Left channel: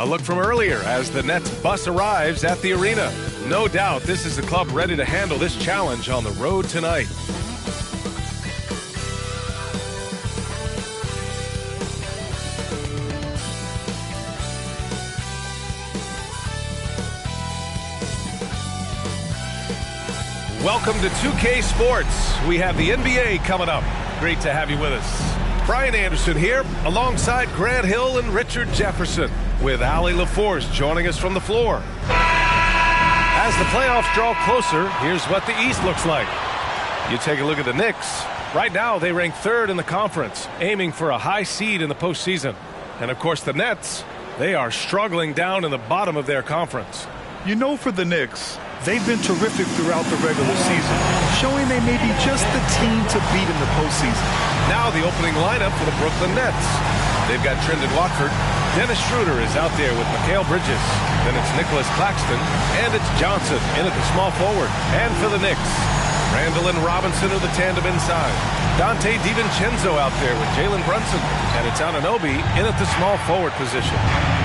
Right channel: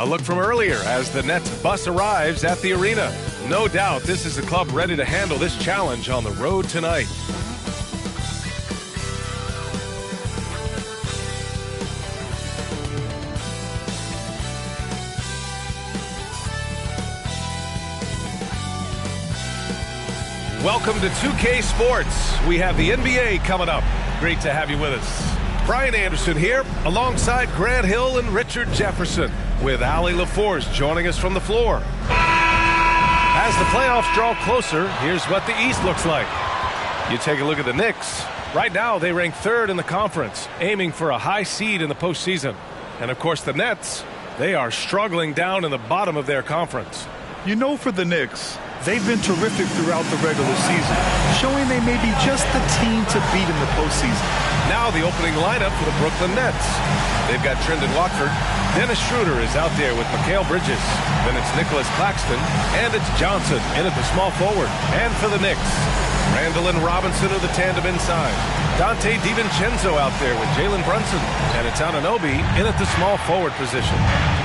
A look from earlier as the Nets bus arrives at the arena. No doubt this is the club ready to handle this challenge on the road tonight. Welcome to 2K Sports. We have the NBA coming up. Great to have you with us. Brian Anderson here alongside Grant Hill and Richard Jefferson, with Allie LaForce joining us from the floor. As the playoffs draw closer, here's what the East looks like. You take a look at the Knicks. Right now, they rank third in the conference, aiming for a high seed in the postseason. And, of course, the Nets, they are struggling down in the bottom of their conference. You know, for the Knicks, they've been terrific throughout the regular season, showing they may be just the team to beat in the postseason. Now the opening lineup for the Brooklyn Nets. They've got Trendon Watford. Dennis Schroeder is out there with Mikal Bridges. Then it's Nicholas Claxton, and it's Johnson in at the small forward. And for the Knicks, Randall and Robinson are the tandem inside. Dante DiVincenzo out there with Jalen Brunson. And it's Anunoby in at the small forward position.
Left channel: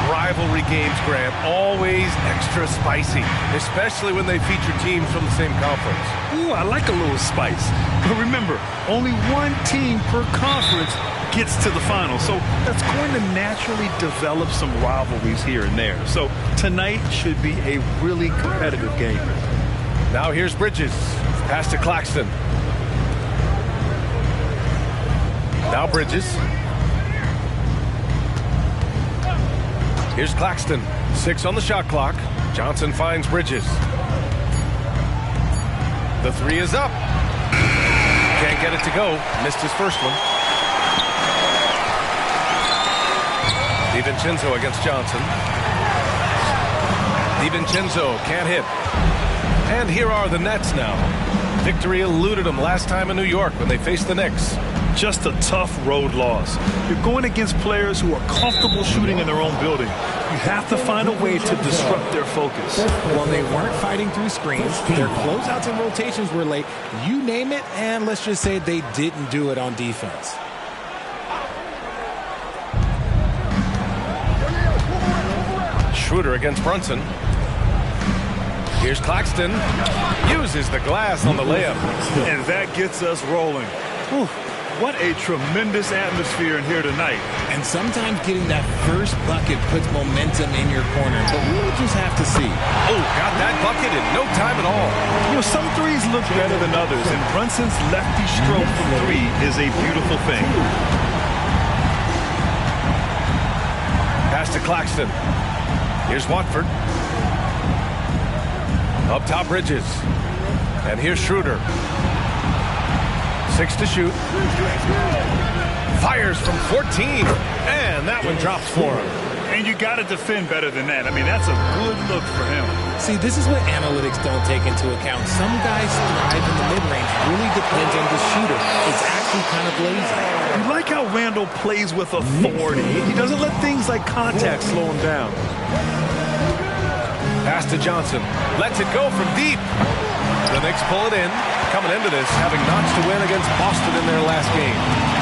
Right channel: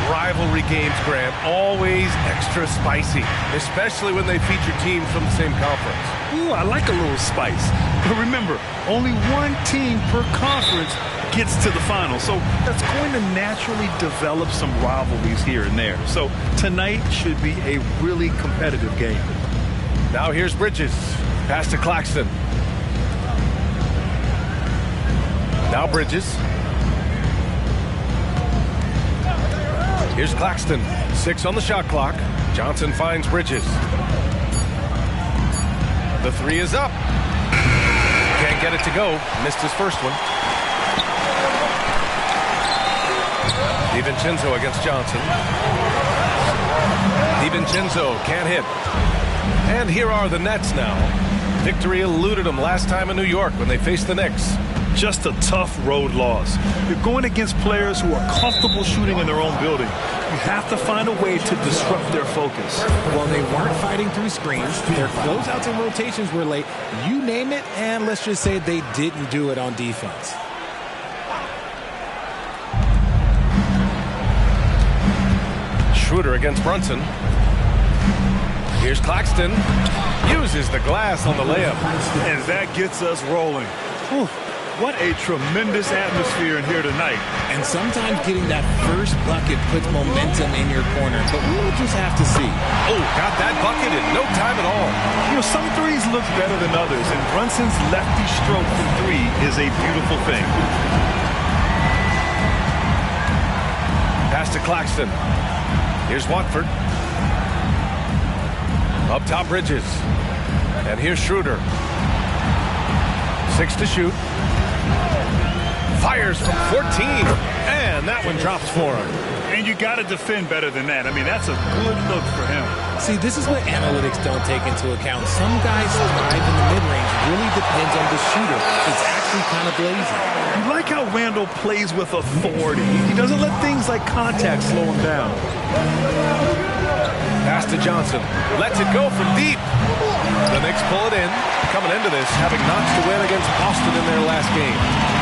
Rivalry games, Grant, always extra spicy, especially when they feature teams from the same conference. Ooh, I like a little spice. But remember, only one team per conference gets to the final. So that's going to naturally develop some rivalries here and there. So tonight should be a really competitive game. Now here's Bridges. Pass to Claxton. Now Bridges. Here's Claxton. 6 on the shot clock. Johnson finds Bridges. The 3 is up. Can't get it to go. Missed his first one. DiVincenzo against Johnson. DiVincenzo can't hit. And here are the Nets now. Victory eluded them last time in New York when they faced the Knicks. Just a tough road loss. You're going against players who are comfortable shooting in their own building. You have to find a way to disrupt their focus. Well, they weren't fighting through screens. Their closeouts and rotations were late. You name it, and let's just say they didn't do it on defense. Schroeder against Brunson. Here's Claxton. Uses the glass on the layup. And that gets us rolling. Whew. What a tremendous atmosphere in here tonight. And sometimes getting that first bucket puts momentum in your corner, but we'll just have to see. Oh, got that bucket in no time at all. You know, some threes look better than others, and Brunson's lefty stroke from 3 is a beautiful thing. Pass to Claxton. Here's Watford. Up top, Bridges. And here's Schroeder. 6 to shoot. Fires from 14. And that one drops for him. And you got to defend better than that. I mean, that's a good look for him. See, this is what analytics don't take into account. Some guys thrive in the mid-range. Really depends on the shooter. It's actually kind of lazy. You like how Randall plays with authority. He doesn't let things like contact slow him down. Pass to Johnson. Lets it go from deep. The Knicks pull it in. Coming into this, having notched a win against Boston in their last game.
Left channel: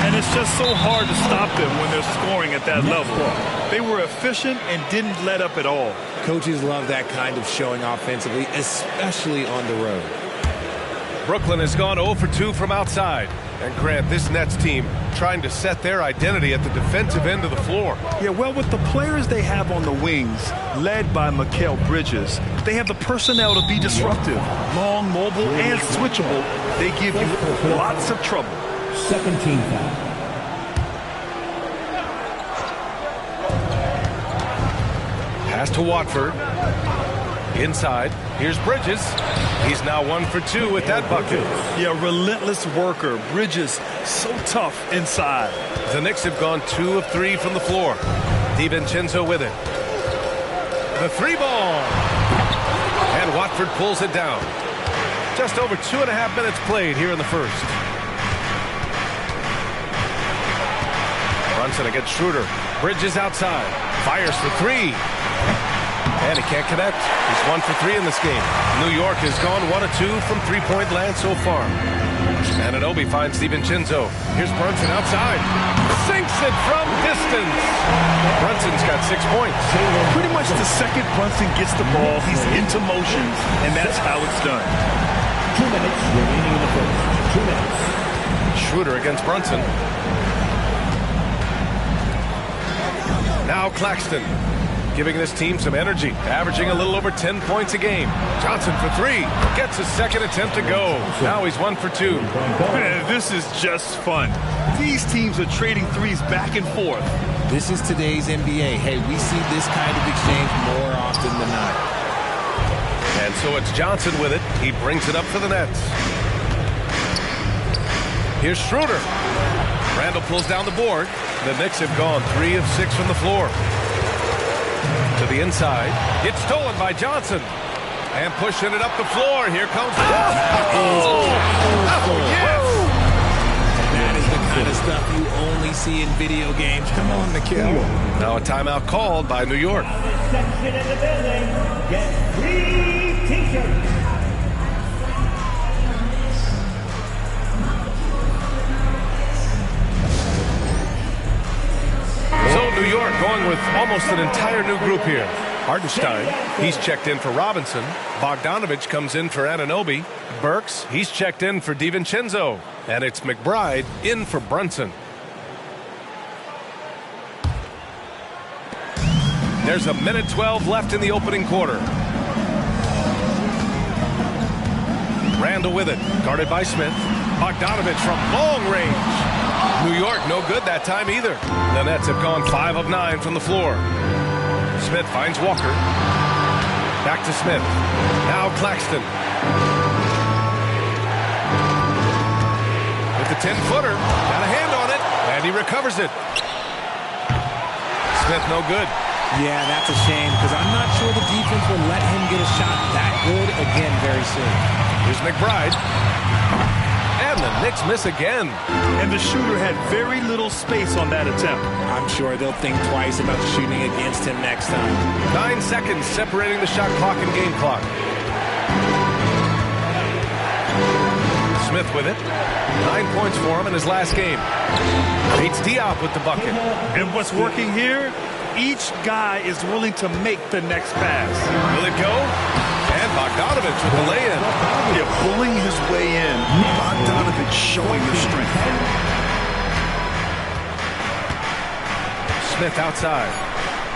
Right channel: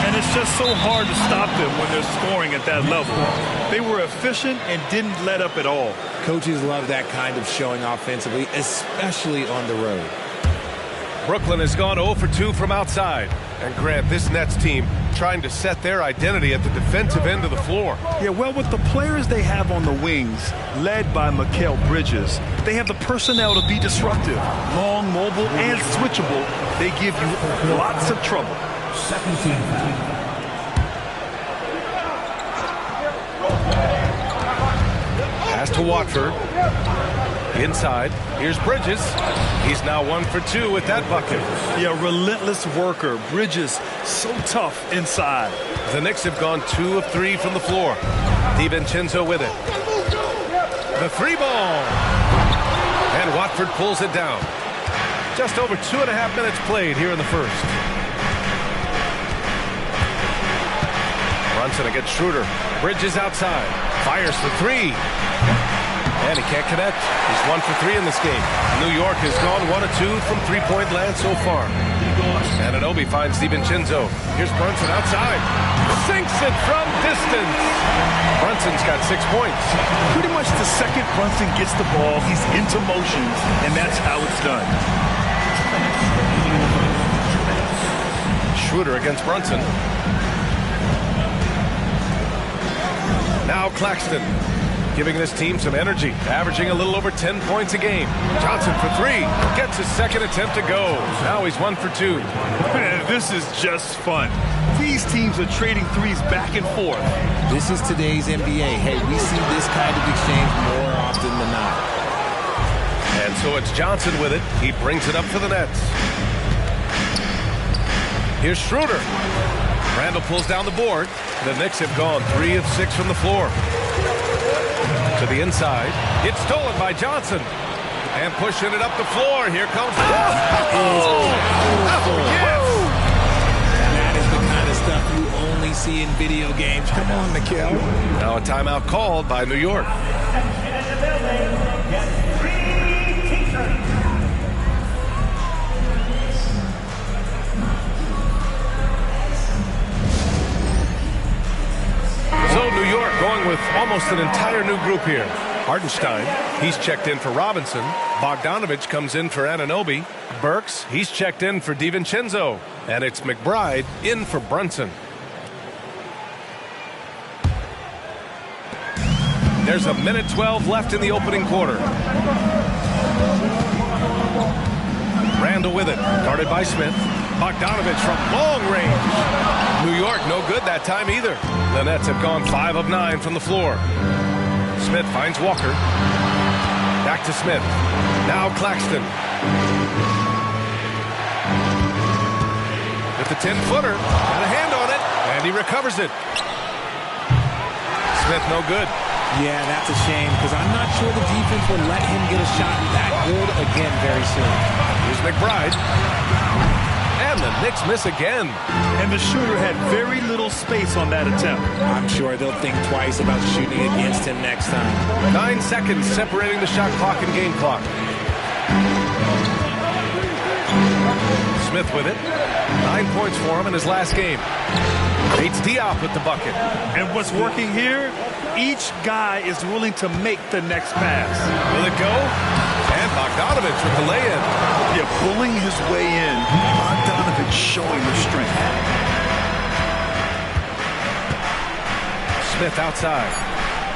And it's just so hard to stop them when they're scoring at that level. They were efficient and didn't let up at all. Coaches love that kind of showing offensively, especially on the road. Brooklyn has gone 0 for 2 from outside. And Grant, this Nets team trying to set their identity at the defensive end of the floor. Yeah, well, with the players they have on the wings, led by Mikal Bridges, they have the personnel to be disruptive. Long, mobile, and switchable. They give you lots of trouble. Second team foul. Pass to Watford. Inside. Here's Bridges. He's now 1 for 2 with that bucket. Yeah, relentless worker. Bridges, so tough inside. The Knicks have gone 2 of 3 from the floor. DiVincenzo with it. The 3 ball. And Watford pulls it down. Just over 2.5 minutes played here in the first. Brunson against Schroeder. Bridges outside. Fires for 3. And he can't connect. He's 1 for 3 in this game. New York has gone 1 of 2 from three-point land so far. Anunoby finds DiVincenzo. Here's Brunson outside. sinks it from distance. Brunson's got 6 points. Pretty much the second Brunson gets the ball, he's into motion, and that's how it's done. 2 minutes remaining in the first. 2 minutes. Schroeder against Brunson. Now Claxton, giving this team some energy, averaging a little over 10 points a game. Johnson for 3, gets his second attempt to go. Now he's 1 for 2. Man, this is just fun. These teams are trading threes back and forth. This is today's NBA. Hey, we see this kind of exchange more often than not. And so it's Johnson with it. He brings it up for the Nets. Here's Schroeder. Randall pulls down the board. The Knicks have gone 3 of 6 from the floor. To the inside. It's stolen by Johnson. And pushing it up the floor. Here comes... Yes! That is the kind of stuff you only see in video games. Come on, Mikhail. Now a timeout called by New York. Section in the building. Get 3 t-shirts. So New York going with almost an entire new group here. Hartenstein, he's checked in for Robinson. Bogdanovich comes in for Anunoby. Burks, he's checked in for DiVincenzo. And it's McBride in for Brunson. There's a minute 12 left in the opening quarter. Randall with it, guarded by Smith. Bogdanovich from long range. New York no good that time either. The Nets have gone 5 of 9 from the floor. Smith finds Walker. Back to Smith. Now Claxton. With the 10-footer. Got a hand on it. And he recovers it. Smith no good. Yeah, that's a shame because I'm not sure the defense will let him get a shot that good again very soon. Here's McBride. And the Knicks miss again. And the shooter had very little space on that attempt. I'm sure they'll think twice about shooting against him next time. 9 seconds separating the shot clock and game clock. Smith with it. 9 points for him in his last game. Beats Diop with the bucket. And what's working here? Each guy is willing to make the next pass. Will it go? And Bogdanovich with the lay-in. Yeah, bullying his way in. Bogdanovich showing the strength. Smith outside.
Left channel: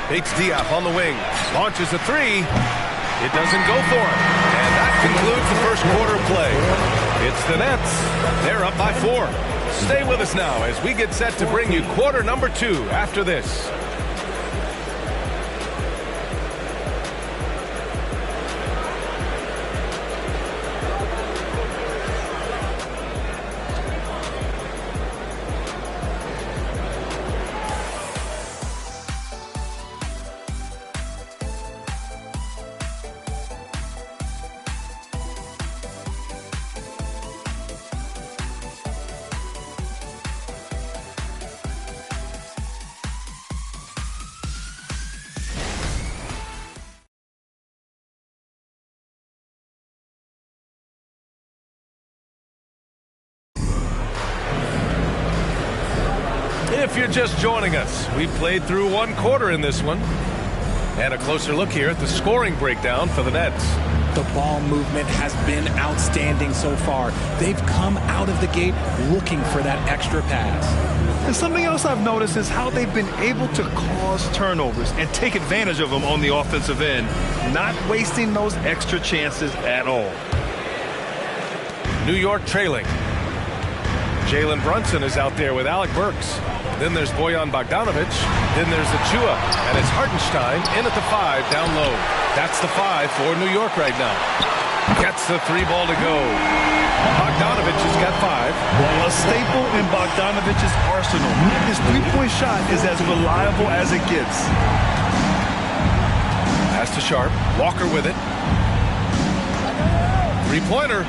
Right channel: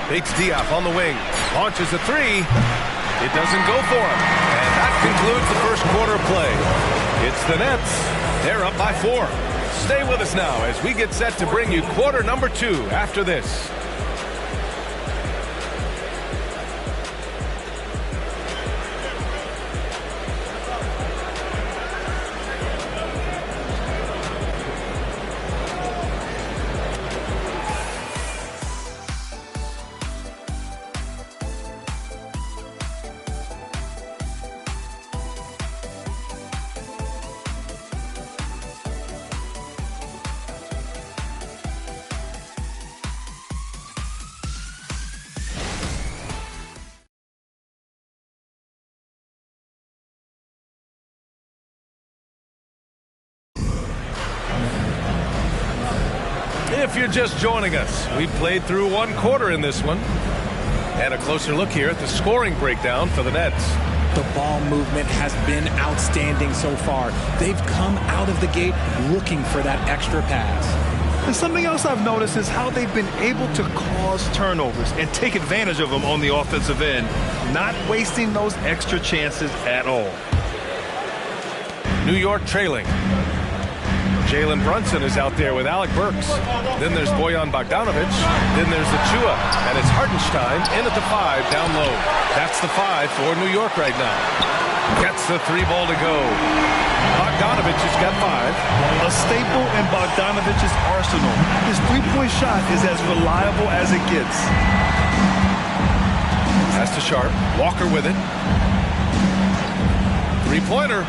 Bates Diop on the wing. Launches a 3. It doesn't go for him. And that concludes the first quarter of play. It's the Nets. They're up by 4. Stay with us now as we get set to bring you quarter number 2 after this. If you're just joining us, we played through 1 quarter in this one. And a closer look here at the scoring breakdown for the Nets. The ball movement has been outstanding so far. They've come out of the gate looking for that extra pass. And something else I've noticed is how they've been able to cause turnovers and take advantage of them on the offensive end, not wasting those extra chances at all. New York trailing. Jalen Brunson is out there with Alec Burks. Then there's Bojan Bogdanovich. Then there's Achua. And it's Hartenstein in at the 5 down low. That's the 5 for New York right now. Gets the 3 ball to go. Bogdanovich has got 5. A staple in Bogdanovich's arsenal. His three-point shot is as reliable as it gets. Pass to Sharp. Walker with it. 3-pointer.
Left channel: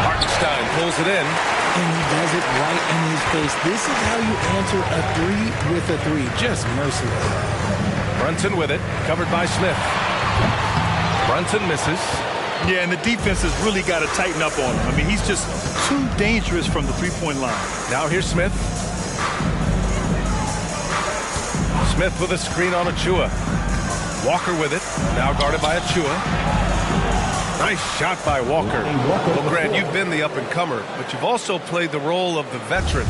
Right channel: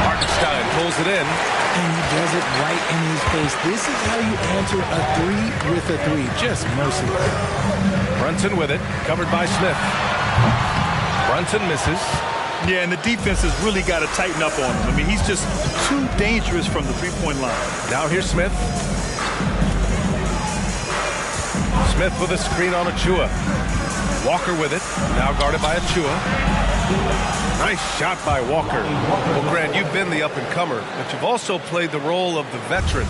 Hartenstein pulls it in. And he does it right in his face. This is how you answer a 3 with a 3. Just merciless. Brunson with it. Covered by Smith. Brunson misses. Yeah, and the defense has really got to tighten up on him. I mean, he's just too dangerous from the three-point line. Now here's Smith. Smith with a screen on Achua. Walker with it, now guarded by Achua. Nice shot by Walker. Well, Grant, you've been the up-and-comer, but you've also played the role of the veteran.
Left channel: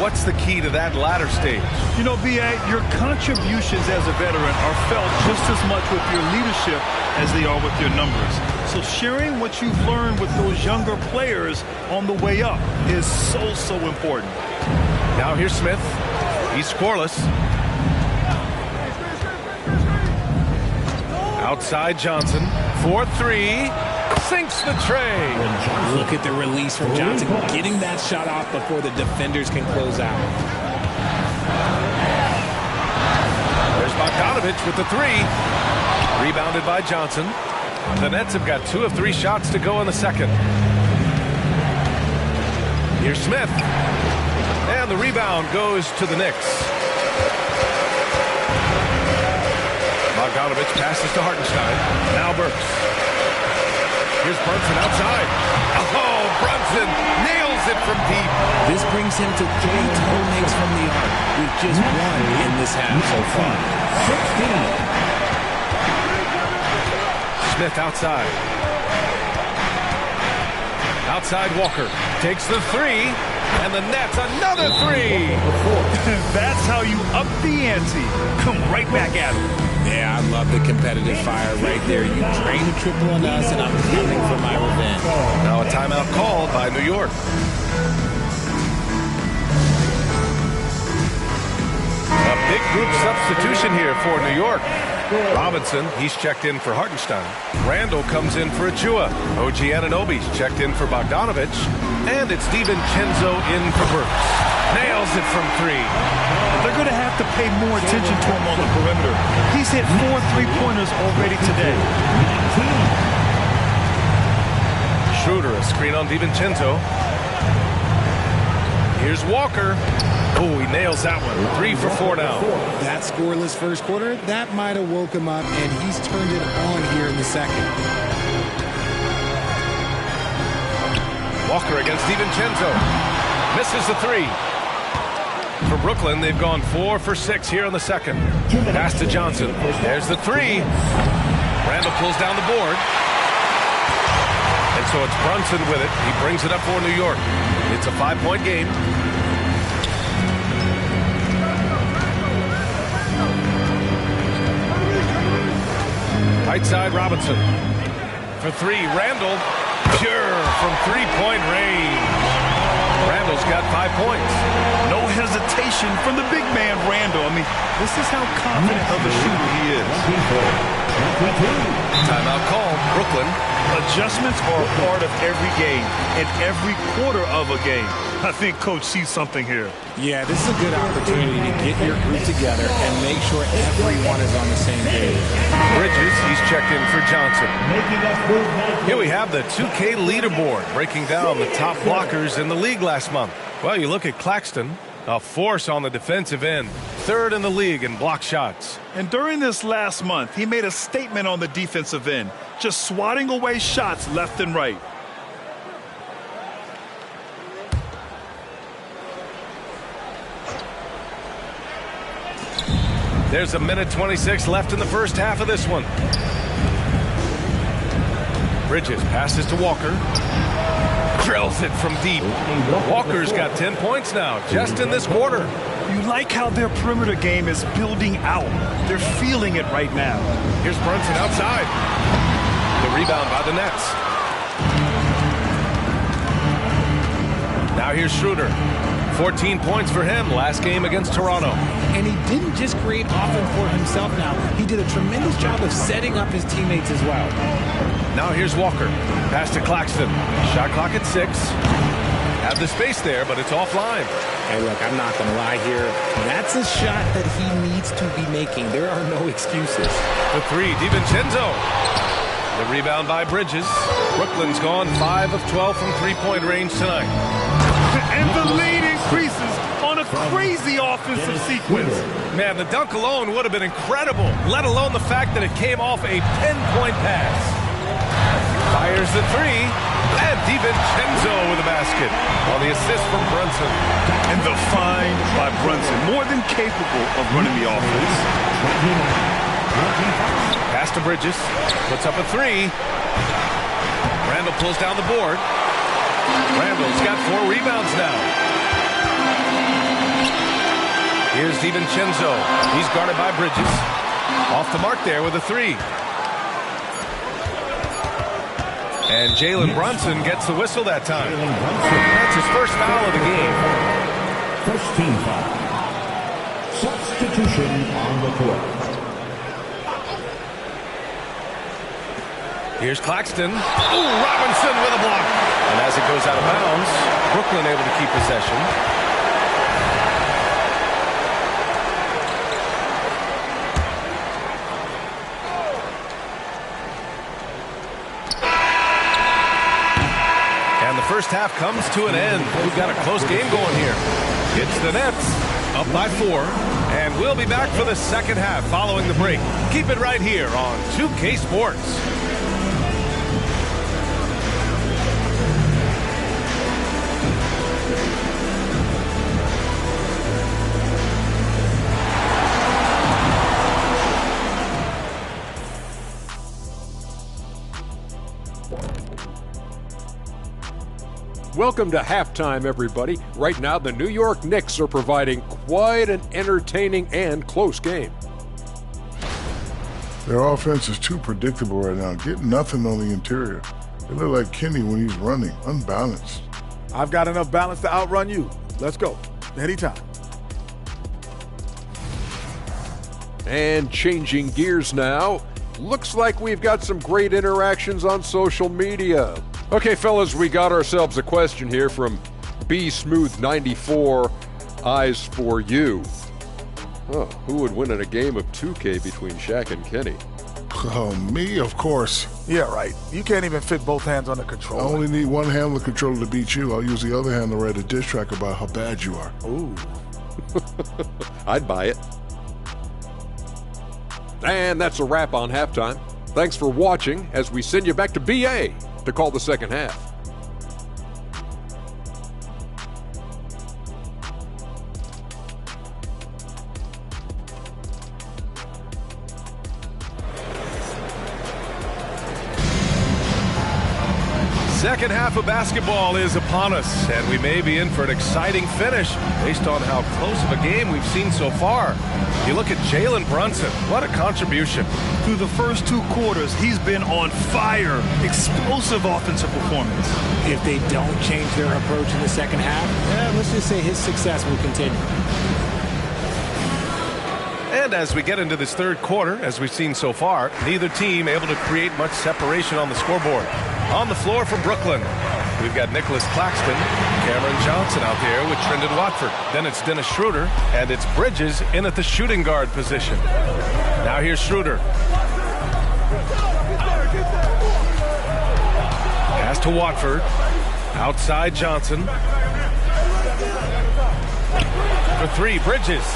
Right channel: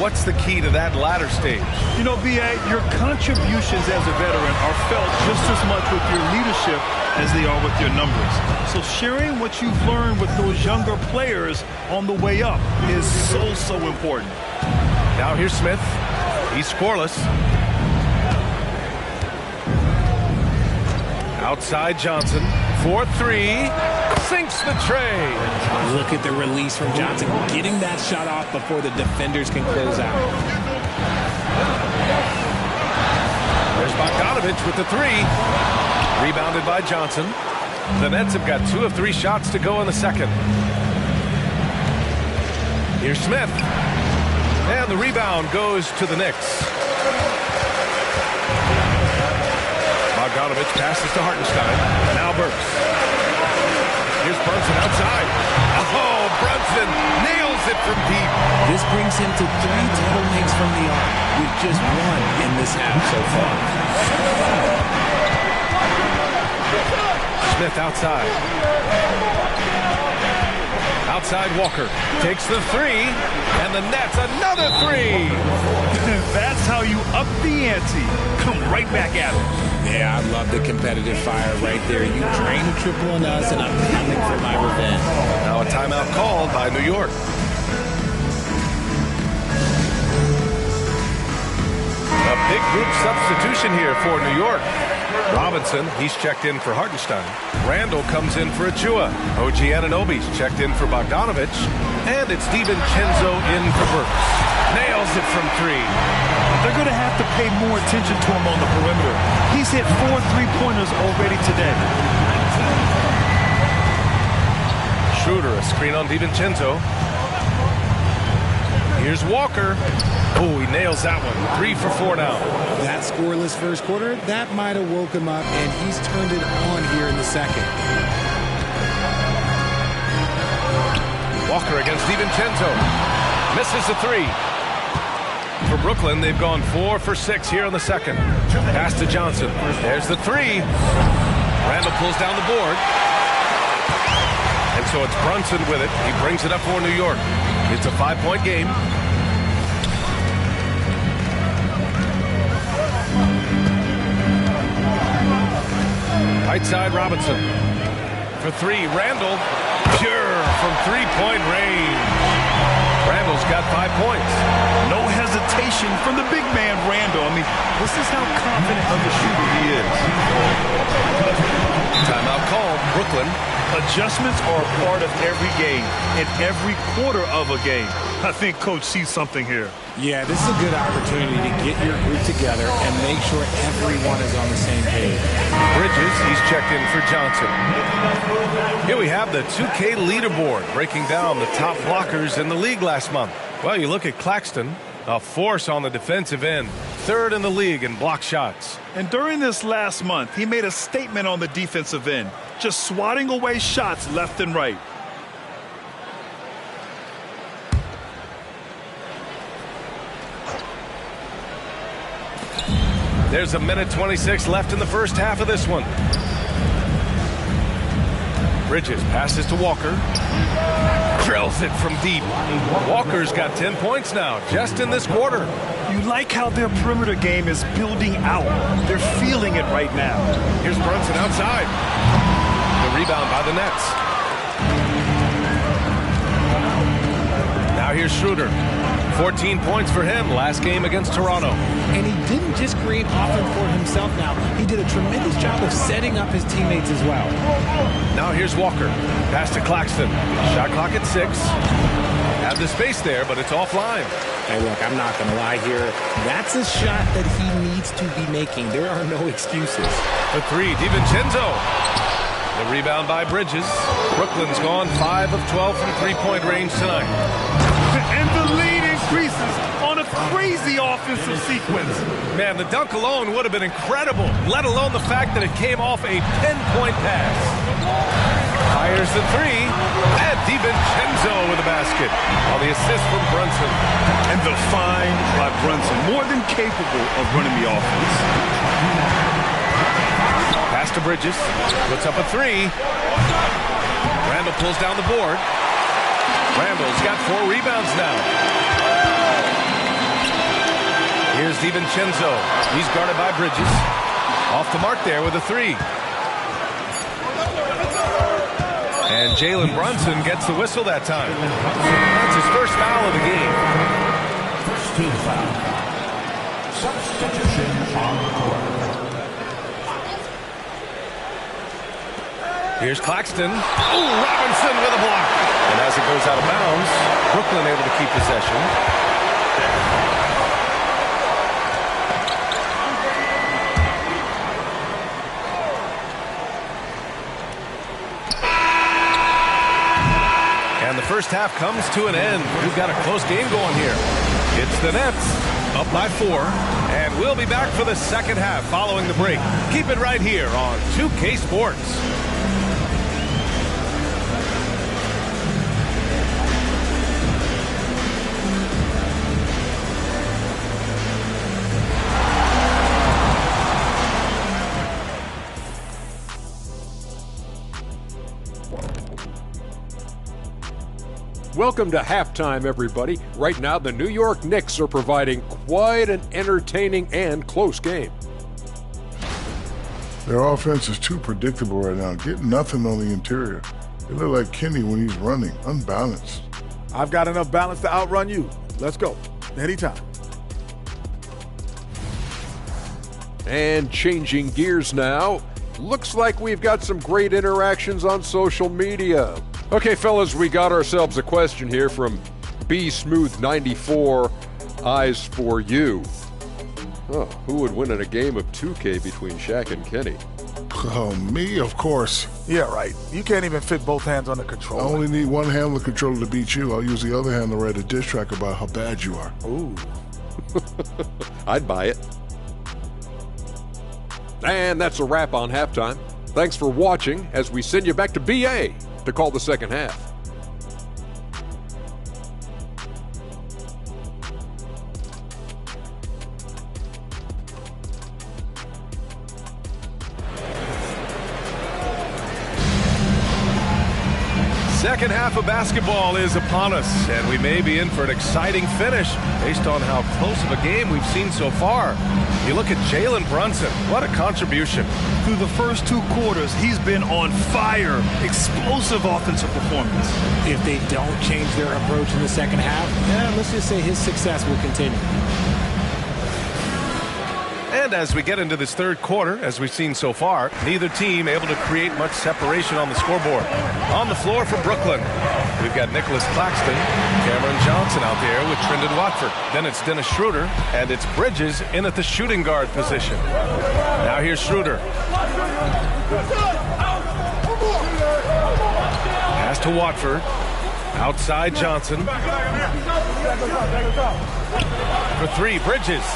What's the key to that latter stage? You know, B.A., your contributions as a veteran are felt just as much with your leadership as they are with your numbers. So sharing what you've learned with those younger players on the way up is so important. Now here's Smith. He's scoreless. Outside Johnson. 4-3. Sinks the tray. Look at the release from Johnson, getting that shot off before the defenders can close out. There's Bogdanovich with the three. Rebounded by Johnson. The Nets have got 2 of 3 shots to go in the second. Here's Smith. And the rebound goes to the Knicks. Bogdanovich passes to Hartenstein. Now Burks. Here's Brunson outside. Oh, Brunson nails it from deep. This brings him to 3 total makes from the arc, with just 1 in this half so far. Smith outside. Outside Walker. Takes the 3. And the Nets another 3. That's how you up the ante. Come right back at him. Yeah, I love the competitive fire right there. You drain a triple on us, and I'm coming for my revenge. Now a timeout called by New York. A big group substitution here for New York. Robinson, he's checked in for Hartenstein. Randall comes in for Achua. OG Anunoby's checked in for Bogdanovich. And it's DiVincenzo in for Burks. Nails it from 3. They're going to have to pay more attention to him on the perimeter. He's hit 4 3-pointers already today. Schroeder, a screen on DiVincenzo. Here's Walker. Oh, he nails that one. 3 for 4 now. That scoreless first quarter, that might have woke him up, and he's turned it on here in the second. Walker against DiVincenzo. Misses the 3. For Brooklyn, they've gone 4 for 6 here in the second. Pass to Johnson. There's the 3. Randall pulls down the board. And so it's Brunson with it. He brings it up for New York. It's a 5-point game. Right side Robinson. For 3, Randall. Pure from 3-point range. Randall's got 5 points. No hesitation from the big man, Randall. I mean, this is how confident of a shooter he is. Timeout called. Brooklyn. Adjustments are a part of every game and every quarter of a game. I think Coach sees something here. Yeah, this is a good opportunity to get your group together and make sure everyone is on the same page. Bridges, he's checked in for Johnson. Here we have the 2K leaderboard breaking down the top blockers in the league last month. Well, you look at Claxton, a force on the defensive end, 3rd in the league in block shots. And during this last month, he made a statement on the defensive end, just swatting away shots left and right. There's a minute 26 left in the first half of this one. Bridges passes to Walker. Drills it from deep. Walker's got 10 points now, just in this quarter. You like how their perimeter game is building out. They're feeling it right now. Here's Brunson outside. The rebound by the Nets. Now here's Schroeder. 14 points for him last game against Toronto. And he didn't just create offense for himself now. He did a tremendous job of setting up his teammates as well. Now here's Walker. Pass to Claxton. Shot clock at 6. Have the space there, but it's offline. Hey, look, I'm not going to lie here. That's a shot that he needs to be making. There are no excuses. For 3, DiVincenzo. The rebound by Bridges. Brooklyn's gone 5 of 12 from 3-point range tonight. And the lead increases on a crazy offensive sequence. Man, the dunk alone would have been incredible, let alone the fact that it came off a 10-point pass. Fires the three. And DiVincenzo with a basket on the assist from Brunson. And the find by Brunson, more than capable of running the offense. Pass to Bridges. Puts up a three. Randall pulls down the board. Randall's got 4 rebounds now. Here's DiVincenzo. He's guarded by Bridges. Off the mark there with a three. And Jalen Brunson gets the whistle that time. That's his first foul of the game. First team foul. Substitution on the court. Here's Claxton. Ooh, Robinson with a block. And as it goes out of bounds, Brooklyn able to keep possession. And the first half comes to an end. We've got a close game going here. It's the Nets up by 4. And we'll be back for the second half following the break. Keep it right here on 2K Sports. Welcome to halftime, everybody. Right now, the New York Knicks are providing quite an entertaining and close game. Their offense is too predictable right now. Get nothing on the interior. They look like Kenny when he's running, unbalanced. I've got enough balance to outrun you. Let's go. Anytime. And changing gears now, looks like we've got some great interactions on social media. Okay, fellas, we got ourselves a question here from B-Smooth94, Eyes for You. Oh, who would win in a game of 2K between Shaq and Kenny? Oh, me, of course. Yeah, right. You can't even fit both hands on the I controller. only need one hand on the controller to beat you. I'll use the other hand to write a diss track about how bad you are. Ooh. I'd buy it. And that's a wrap on halftime. Thanks for watching as we send you back to BA to call the second half. Second half of basketball is upon us, and we may be in for an exciting finish based on how close of a game we've seen so far. You look at Jalen Brunson. What a contribution. Through the first 2 quarters, he's been on fire. Explosive offensive performance. If they don't change their approach in the second half, let's just say his success will continue. And as we get into this third quarter, as we've seen so far, neither team able to create much separation on the scoreboard. On the floor for Brooklyn, we've got Nicholas Claxton, Cameron Johnson out there with Trendon Watford. Then it's Dennis Schroeder, and it's Bridges in at the shooting guard position. Now here's Schroeder. Pass to Watford. Outside Johnson. For 3, Bridges.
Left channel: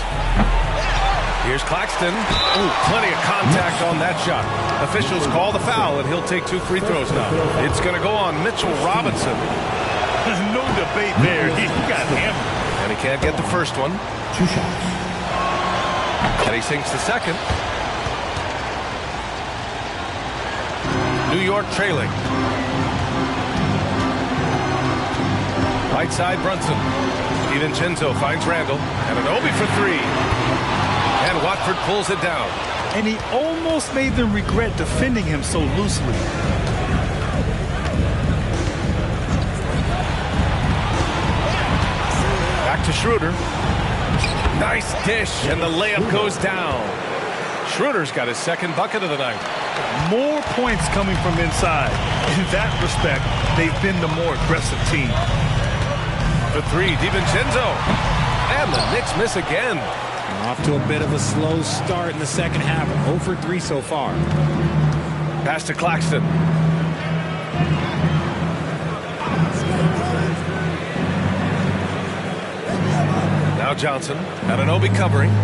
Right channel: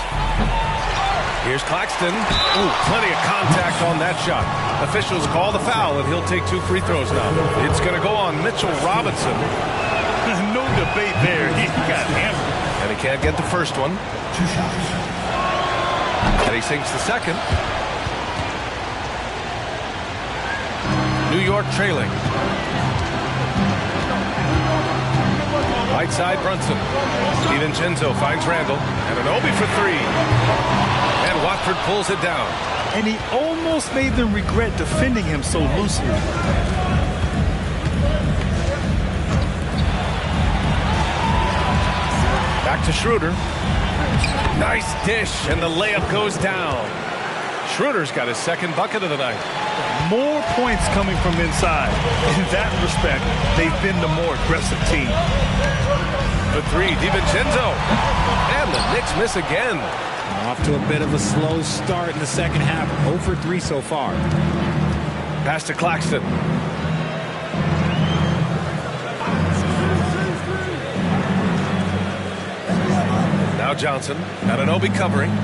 Here's Claxton. Ooh, plenty of contact on that shot. Officials call the foul, and he'll take 2 free throws now. It's going to go on Mitchell Robinson. No debate there. He got hammered. And he can't get the first one. 2 shots. And he sinks the second. New York trailing. Right side Brunson. DiVincenzo finds Randall. And an Obi for 3. And Watford pulls it down. And he almost made them regret defending him so loosely. Back to Schroeder. Nice dish, and the layup goes down. Schroeder's got his second bucket of the night. More points coming from inside. In that respect, they've been the more aggressive team. For 3, DiVincenzo. And the Knicks miss again. Off to a bit of a slow start in the second half. 0 for 3 so far. Pass to Claxton. Now Johnson. Anunoby covering.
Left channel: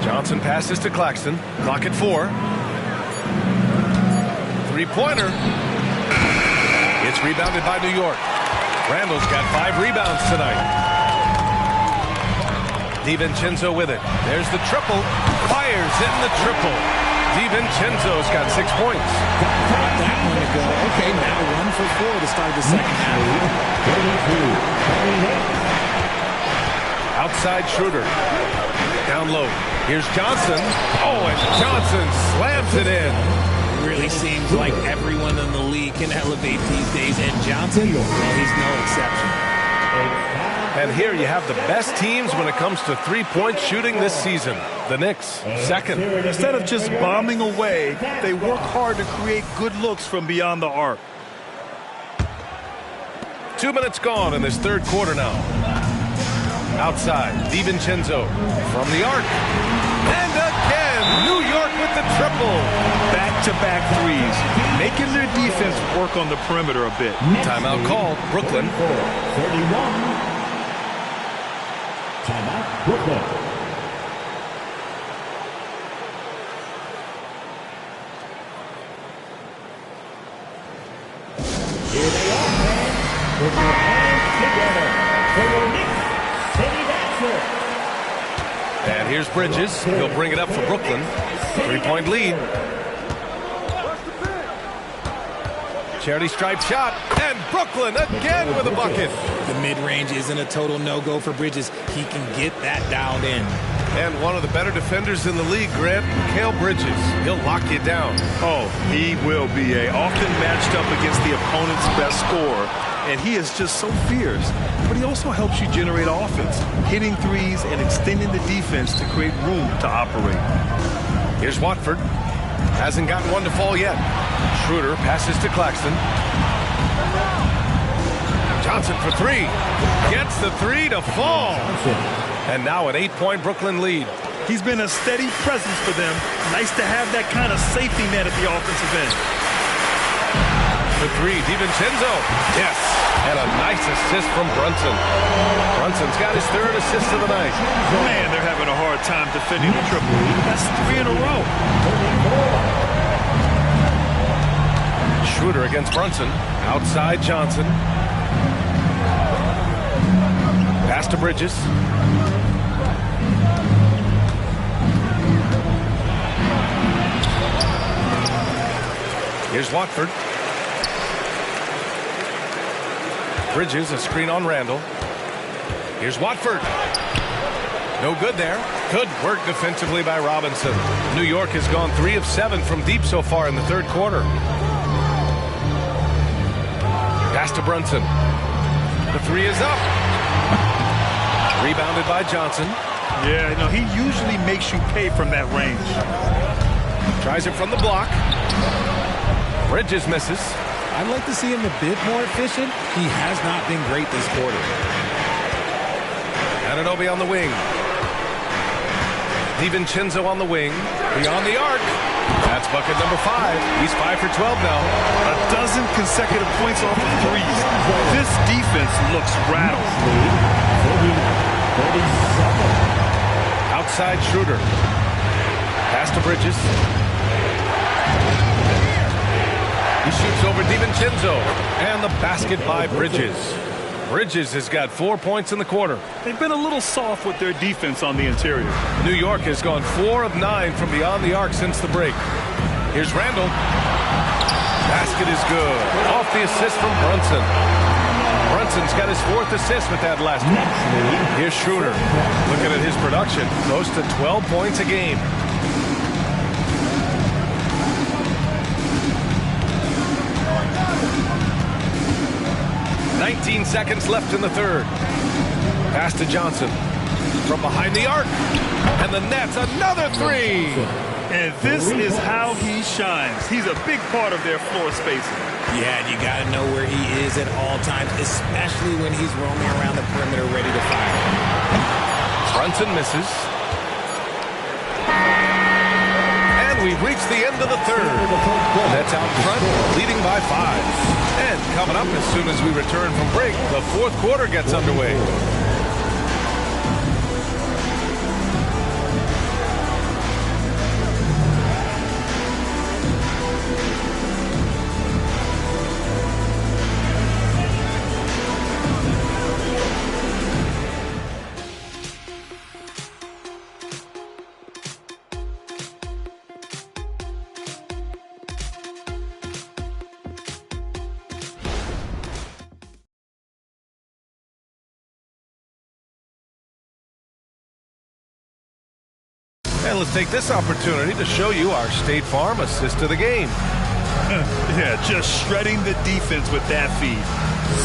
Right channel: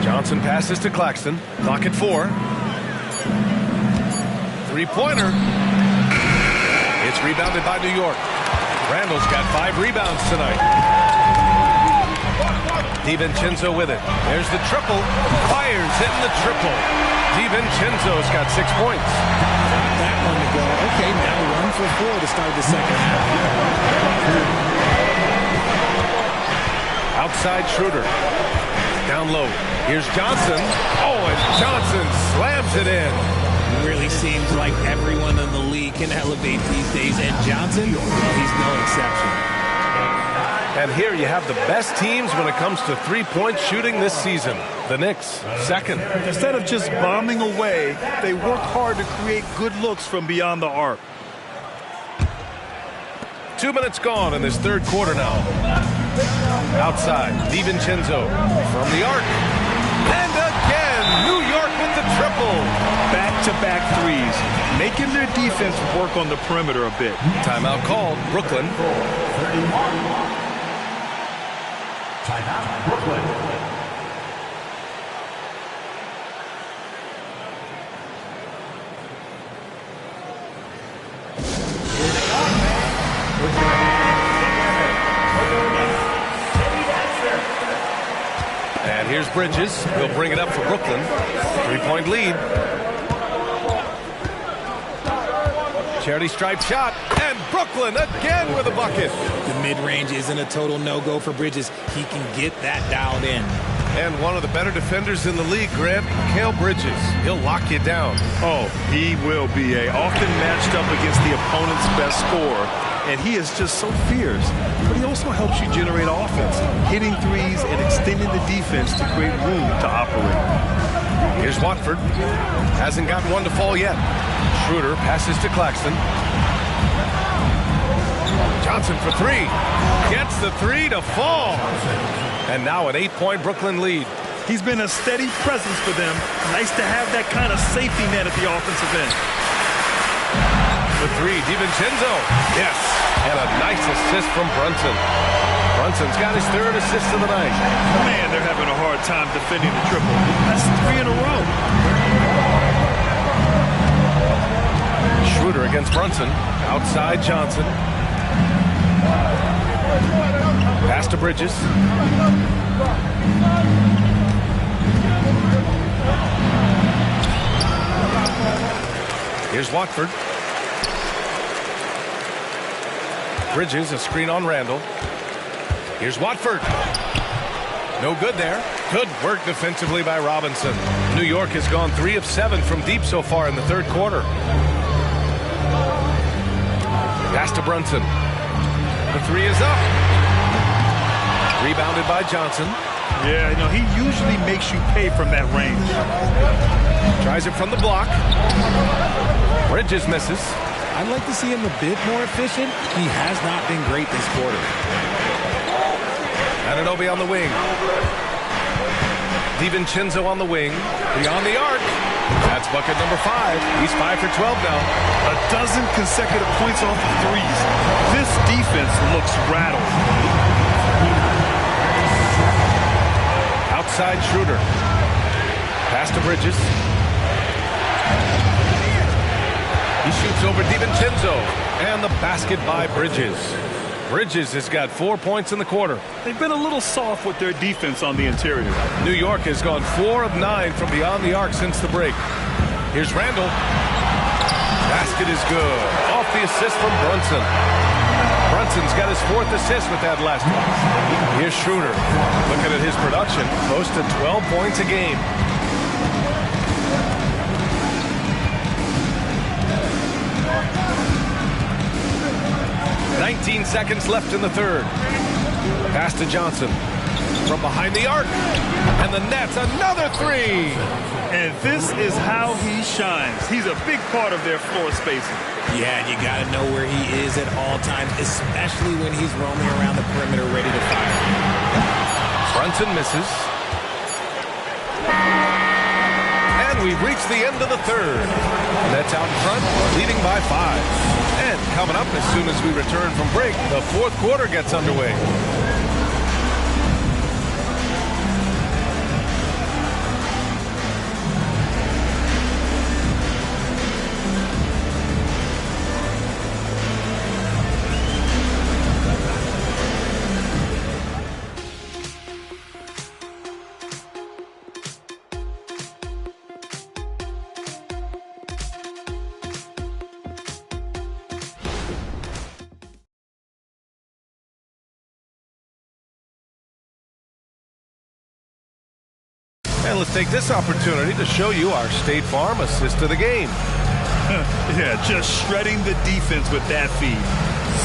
Johnson passes to Claxton. Clock at 4. 3-pointer. It's rebounded by New York. Randall's got 5 rebounds tonight. DiVincenzo with it. There's the triple. Fires hitting the triple. DiVincenzo's got 6 points. Got that one to go. Okay, now 1 for 4 to start the second half. Outside Schroeder. Down low. Here's Johnson. Oh, and Johnson slams it in. Really seems like everyone in the league can elevate these days. And Johnson, well, he's no exception. And here you have the best teams when it comes to three-point shooting this season. The Knicks, second. Instead of just bombing away, they work hard to create good looks from beyond the arc. 2 minutes gone in this third quarter now. Outside, DiVincenzo from the arc. And again, New York with the triple. Back-to-back threes, making their defense work on the perimeter a bit. Timeout called, Brooklyn. 31. Timeout, Brooklyn. Here they are, man. With your winner for your Knicks City Dancer. And here's Bridges. He'll bring it up for Brooklyn. 3-point lead. Charity stripe shot. And Brooklyn again with a bucket. The mid-range isn't a total no-go for Bridges. He can get that dialed in. And one of the better defenders in the league, Grant, Mikal Bridges. He'll lock you down. Oh, he will be often matched up against the opponent's best scorer. And he is just so fierce. But he also helps you generate offense, hitting threes and extending the defense to create room to operate. Here's Watford. Hasn't gotten one to fall yet. Schroeder passes to Claxton. Johnson for 3. Gets the 3 to fall. And now an 8-point Brooklyn lead. He's been a steady presence for them. Nice to have that kind of safety net at the offensive end. The 3, DiVincenzo. Yes. And a nice assist from Brunson. Brunson's got his 3rd assist of the night. Man, they're having a hard time defending the triple. That's 3 in a row. Schroeder against Brunson. Outside Johnson. Pass to Bridges. Here's Watford. Bridges, a screen on Randall. Here's Watford. No good there. Good work defensively by Robinson. New York has gone 3 of 7 from deep so far in the third quarter. Pass to Brunson. The 3 is up. Rebounded by Johnson. Yeah, he usually makes you pay from that range. Tries it from the block. Bridges misses. I'd like to see him a bit more efficient. He has not been great this quarter. Anunoby on the wing. DiVincenzo on the wing. Beyond the arc. That's bucket number 5. He's 5 for 12 now. A dozen consecutive points off of threes. This defense looks rattled. Outside Schroeder. Pass to Bridges. He shoots over DiVincenzo. And the basket by Bridges. Bridges has got 4 points in the quarter. They've been a little soft with their defense on the interior. New York has gone 4 of 9 from beyond the arc since the break. Here's Randall. Basket is good. Off the assist from Brunson. Brunson's got his 4th assist with that last one. Here's Schroeder. Looking at his production, close to 12 points a game. "19 seconds left in the third. Pass to Johnson. From behind the arc. And the Nets, another 3. And this is how he shines. He's a big part of their floor spacing. Yeah, you got to know where he is at all times, especially when he's roaming around the perimeter ready to fire. Brunson misses. And we've reached the end of the third. Nets out in front, leading by 5. And coming up as soon as we return from break, the fourth quarter gets underway. And let's take this opportunity to show you our State Farm assist of the game. Yeah, just shredding the defense with that feed.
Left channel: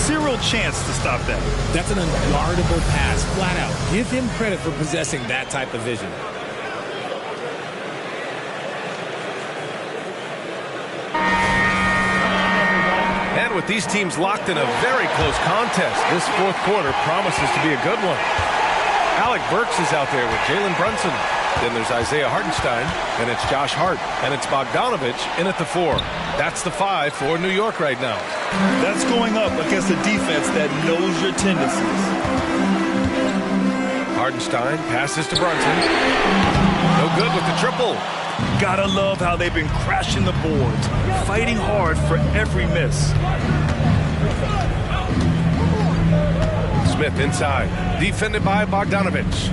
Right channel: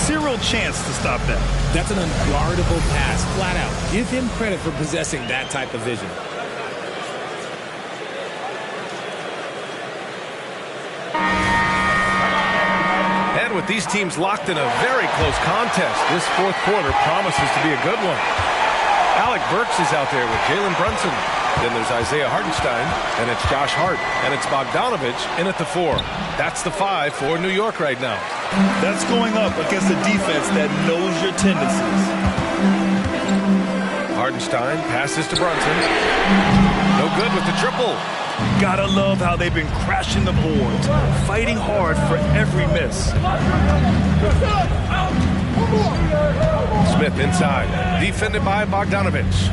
Zero chance to stop that. That's an unguardable pass, flat out. Give him credit for possessing that type of vision. And with these teams locked in a very close contest, this fourth quarter promises to be a good one. Alec Burks is out there with Jalen Brunson. Then there's Isaiah Hartenstein, and it's Josh Hart, and it's Bogdanovich in at the 4. That's the 5 for New York right now. That's going up against a defense that knows your tendencies. Hartenstein passes to Brunson. No good with the triple. Gotta love how they've been crashing the boards, fighting hard for every miss. Smith inside, defended by Bogdanovich.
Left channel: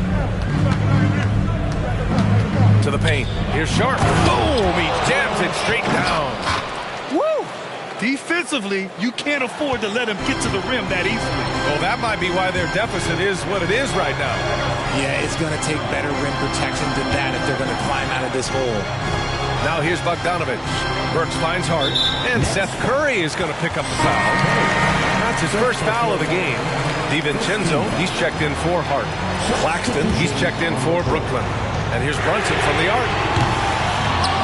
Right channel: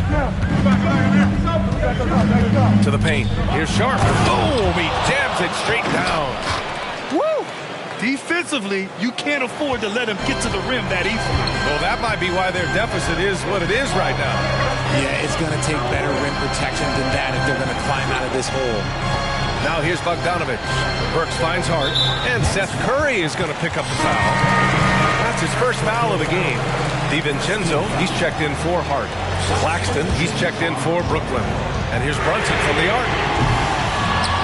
To the paint. Here's Sharp. Boom! He jams it straight down. Woo! Defensively, you can't afford to let him get to the rim that easily. Well, that might be why their deficit is what it is right now. Yeah, it's going to take better rim protection than that if they're going to climb out of this hole. Now here's Bogdanovich. Burks finds Hart, and Seth Curry is going to pick up the foul. That's his first foul of the game. DiVincenzo, he's checked in for Hart. Claxton, he's checked in for Brooklyn. And here's Brunson from the arc.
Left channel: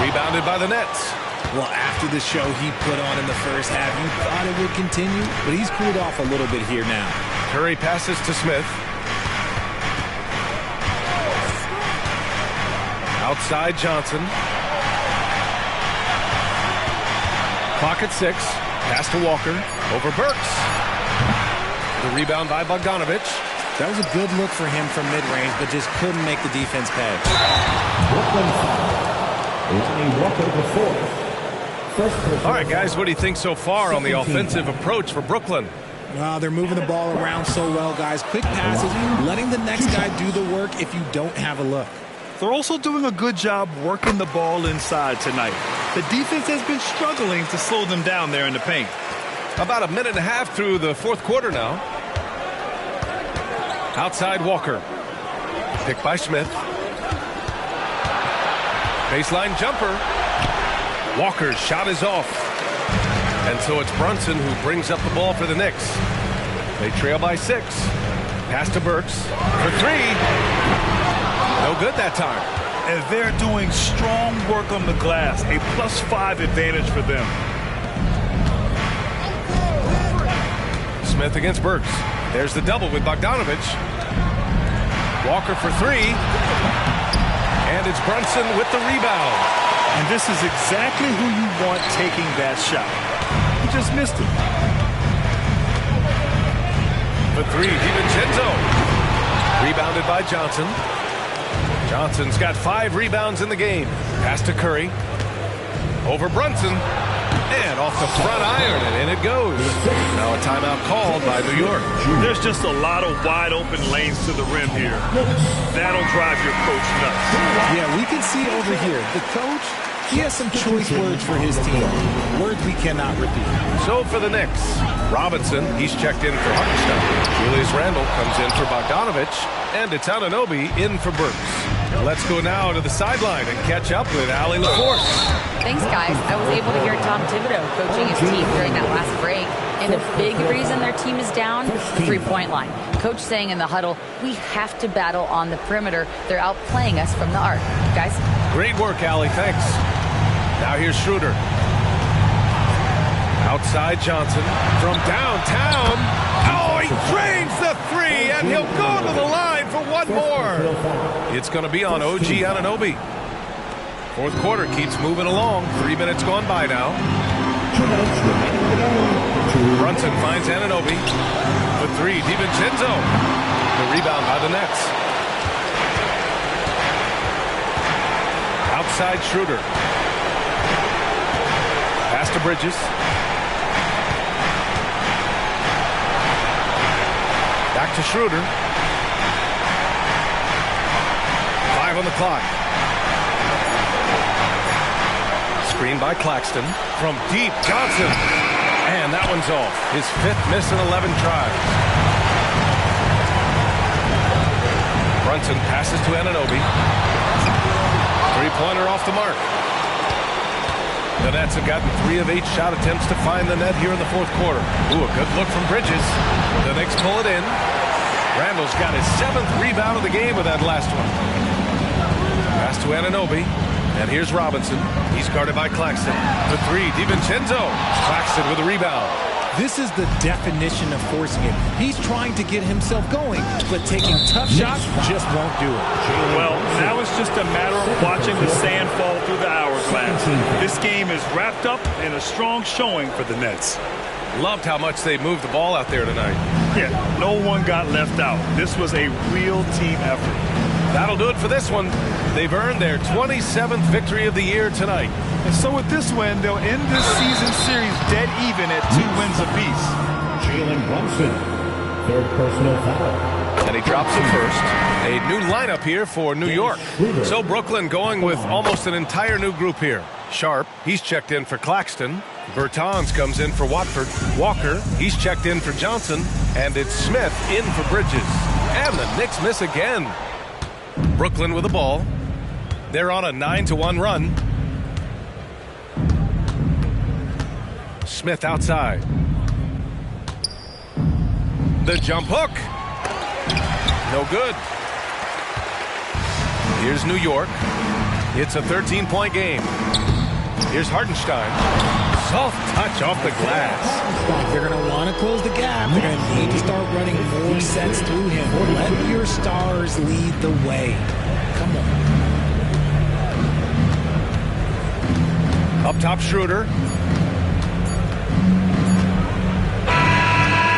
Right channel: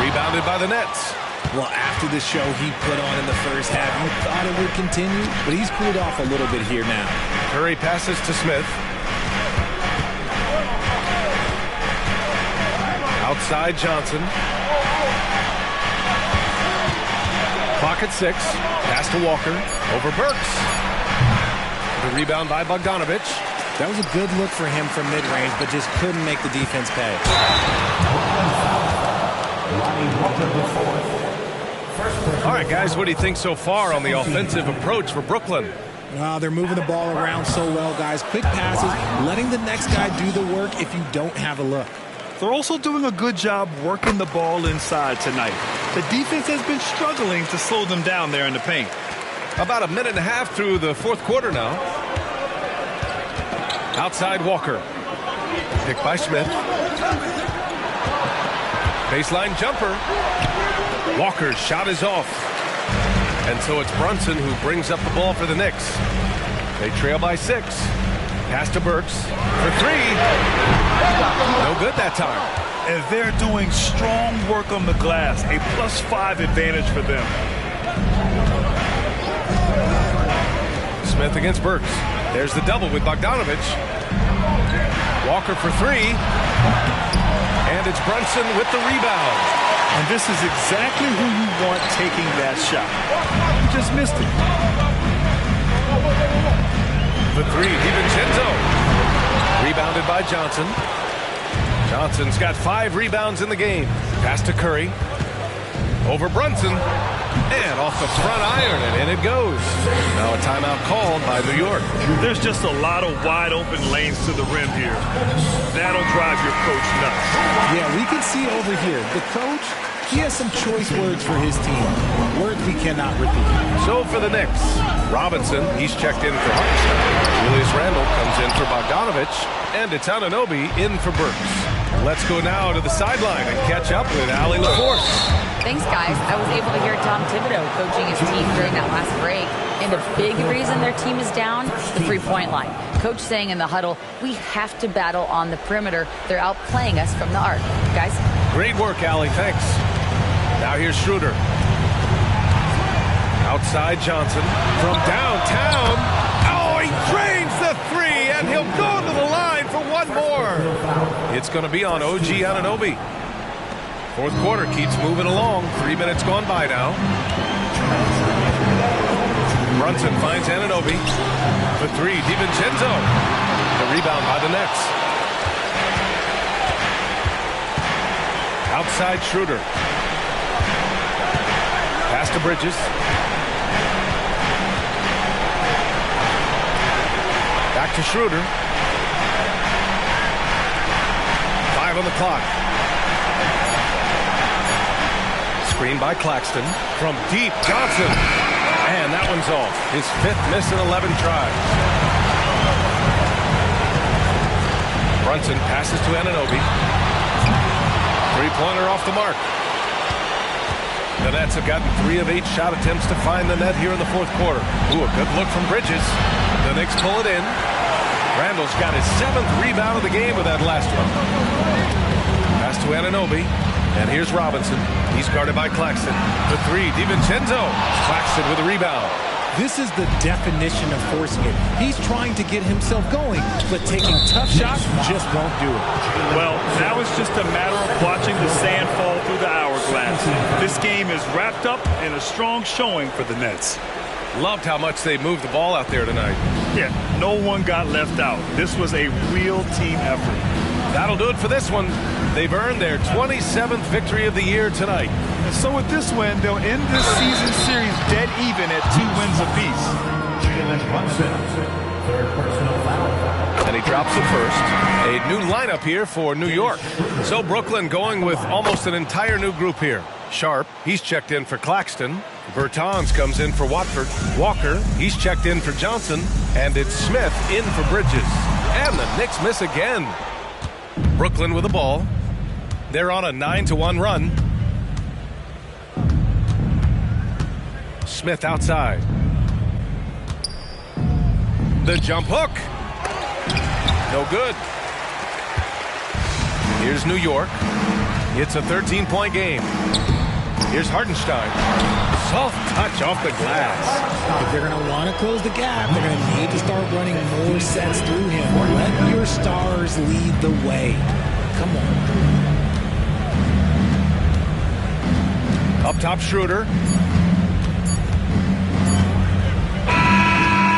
Rebounded by the Nets. Well, after the show he put on in the first half, you thought it would continue, but he's cooled off a little bit here now. Curry passes to Smith. Outside Johnson. Clock at 6. Pass to Walker. Over Burks. The rebound by Bogdanovich. That was a good look for him from mid-range, but just couldn't make the defense pay. Brooklyn foul. Lonnie Walker the 4th. All right, guys, what do you think so far on the offensive approach for Brooklyn? They're moving the ball around so well, guys. Quick passes, letting the next guy do the work if you don't have a look. They're also doing a good job working the ball inside tonight. The defense has been struggling to slow them down there in the paint. About a minute and a half through the fourth quarter now. Outside Walker. Picked by Smith. Baseline jumper. Walker's shot is off. And so it's Brunson who brings up the ball for the Knicks. They trail by 6. Pass to Burks for 3. No good that time. And they're doing strong work on the glass. A +5 advantage for them. Smith against Burks. There's the double with Bogdanovich. Walker for 3. And it's Brunson with the rebound. And this is exactly who you want taking that shot. He just missed it. For 3, DiVincenzo. Rebounded by Johnson. Johnson's got 5 rebounds in the game. Pass to Curry. Over Brunson. And off the front iron, and in it goes. Now a timeout called by New York. There's just a lot of wide open lanes to the rim here. That'll drive your coach nuts. Yeah, we can see over here. The coach, he has some choice words for his team. Words we cannot repeat. So for the Knicks, Robinson, he's checked in for Hartenstein. Julius Randle comes in for Bogdanovich. And it's Anunoby in for Burks. Let's go now to the sideline and catch up with Allie LaForce. Thanks, guys. I was able to hear Tom Thibodeau coaching his team during that last break. And a big reason their team is down, the three-point line. Coach saying in the huddle, we have to battle on the perimeter. They're outplaying us from the arc. Guys? Great work, Allie. Thanks. Now here's Schroeder. Outside Johnson from downtown. Oh, he drains the 3, and he'll go to the line for one more. It's going to be on OG Anunoby. Fourth quarter keeps moving along. 3 minutes gone by now. Brunson finds Anunoby. For 3, DiVincenzo. The rebound by the Nets. Outside Schroeder. Pass to Bridges. Back to Schroeder. 5 on the clock. Screen by Claxton. From deep, Johnson. And that one's off. His 5th miss in 11 tries. Brunson passes to Anunoby. Three-pointer off the mark. The Nets have gotten 3 of 8 shot attempts to find the net here in the fourth quarter. Ooh, a good look from Bridges. The Knicks pull it in. Randall's got his 7th rebound of the game with that last one. Pass to Anunoby. And here's Robinson. He's guarded by Claxton. The 3, DiVincenzo. Claxton with a rebound. This is the definition of forcing it. He's trying to get himself going, but taking tough shots just won't do it. Well, now it's just a matter of watching the sand fall through the hourglass. This game is wrapped up in a strong showing for the Nets. Loved how much they moved the ball out there tonight. Yeah, no one got left out. This was a real team effort. That'll do it for this one. They've earned their 27th victory of the year tonight. And so with this win, they'll end this season series dead even at 2 wins apiece. Jalen Brunson, 3rd personal foul. And he drops it first. A new lineup here for New York. So Brooklyn going with almost an entire new group here. Sharp, he's checked in for Claxton. Bertans comes in for Watford. Walker, he's checked in for Johnson. And it's Smith in for Bridges. And the Knicks miss again. Brooklyn with the ball. They're on a 9-1 run. Smith outside. The jump hook. No good. Here's New York. It's a 13-point game. Here's Hartenstein. Soft touch off the glass. If they're going to want to close the gap, they're going to need to start running more sets through him. Let your stars lead the way. Come on. Up top, Schroeder.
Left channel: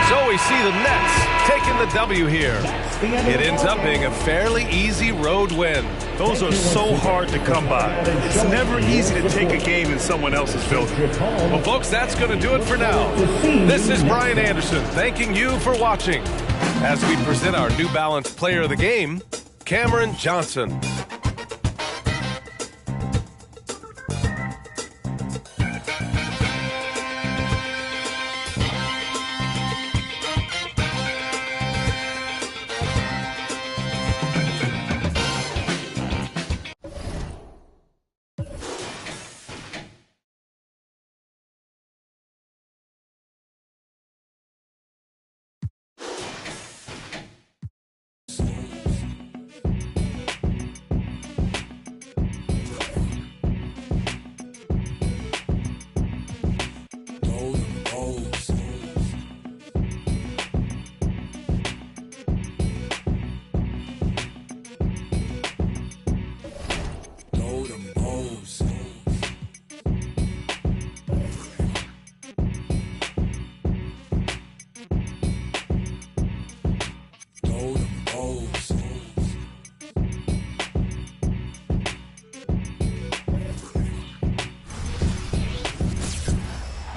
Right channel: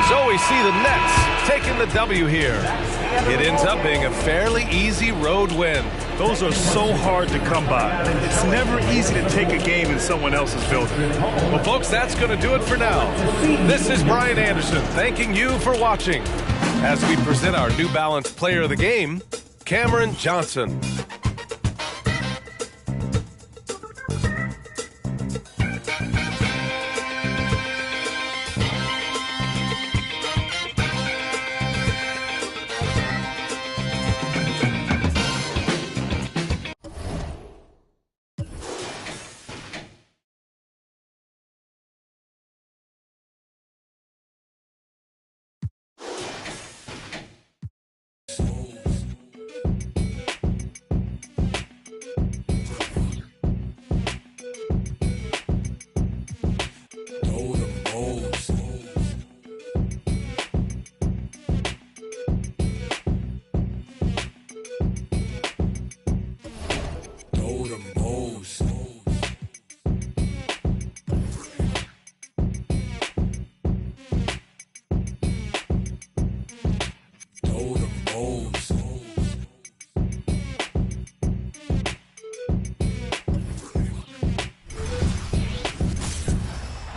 So we see the Nets taking the W here. It ends up being a fairly easy road win. Those are so hard to come by. It's never easy to take a game in someone else's building. Well, folks, that's going to do it for now. This is Brian Anderson thanking you for watching as we present our New Balance Player of the Game, Cameron Johnson.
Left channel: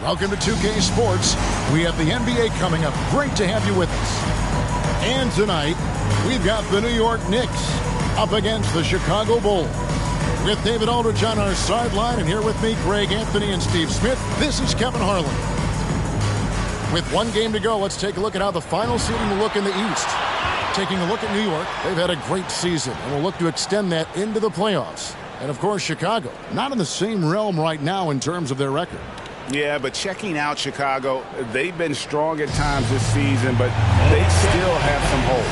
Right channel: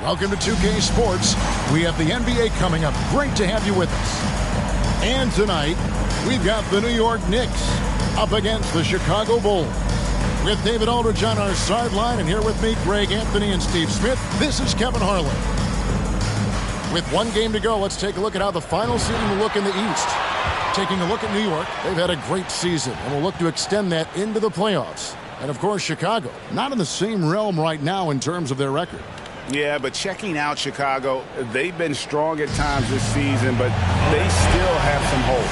Welcome to 2K Sports. We have the NBA coming up. Great to have you with us. And tonight, we've got the New York Knicks up against the Chicago Bulls. With David Aldridge on our sideline, and here with me, Greg Anthony and Steve Smith, this is Kevin Harlan. With one game to go, let's take a look at how the final seeding will look in the East. Taking a look at New York, they've had a great season, and will look to extend that into the playoffs. And of course, Chicago, not in the same realm right now in terms of their record. Yeah, but checking out Chicago, they've been strong at times this season, but they still have some hope.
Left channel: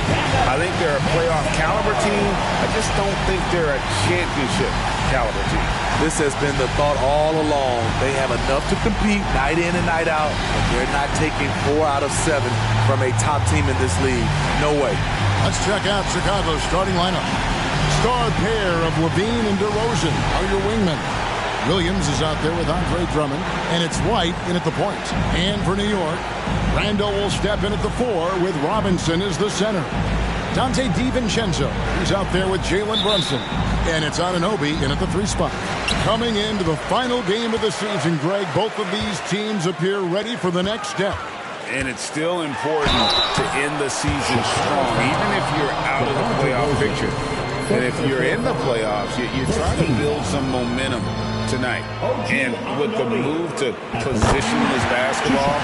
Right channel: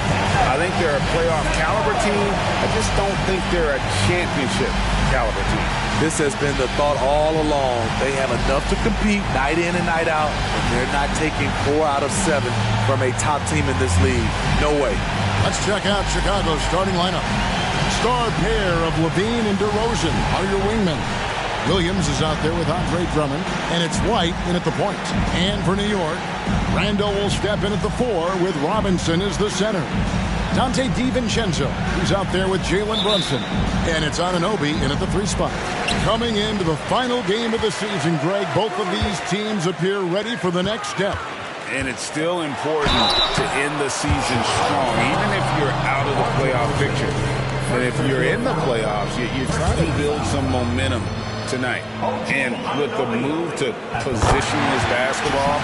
I think they're a playoff caliber team. I just don't think they're a championship caliber team. This has been the thought all along. They have enough to compete night in and night out, but they're not taking 4 out of 7 from a top team in this league. No way. Let's check out Chicago's starting lineup. Star pair of Levine and DeRozan are your wingmen. Williams is out there with Andre Drummond, and it's White in at the point. And for New York, Randall will step in at the 4 with Robinson as the center. Dante DiVincenzo, he's out there with Jalen Brunson. And it's Anunoby in at the 3 spot. Coming into the final game of the season, Greg, both of these teams appear ready for the next step. And it's still important to end the season strong, even if you're out of the playoff picture. And if you're in the playoffs, you try to build some momentum tonight. And with the move to positionless basketball,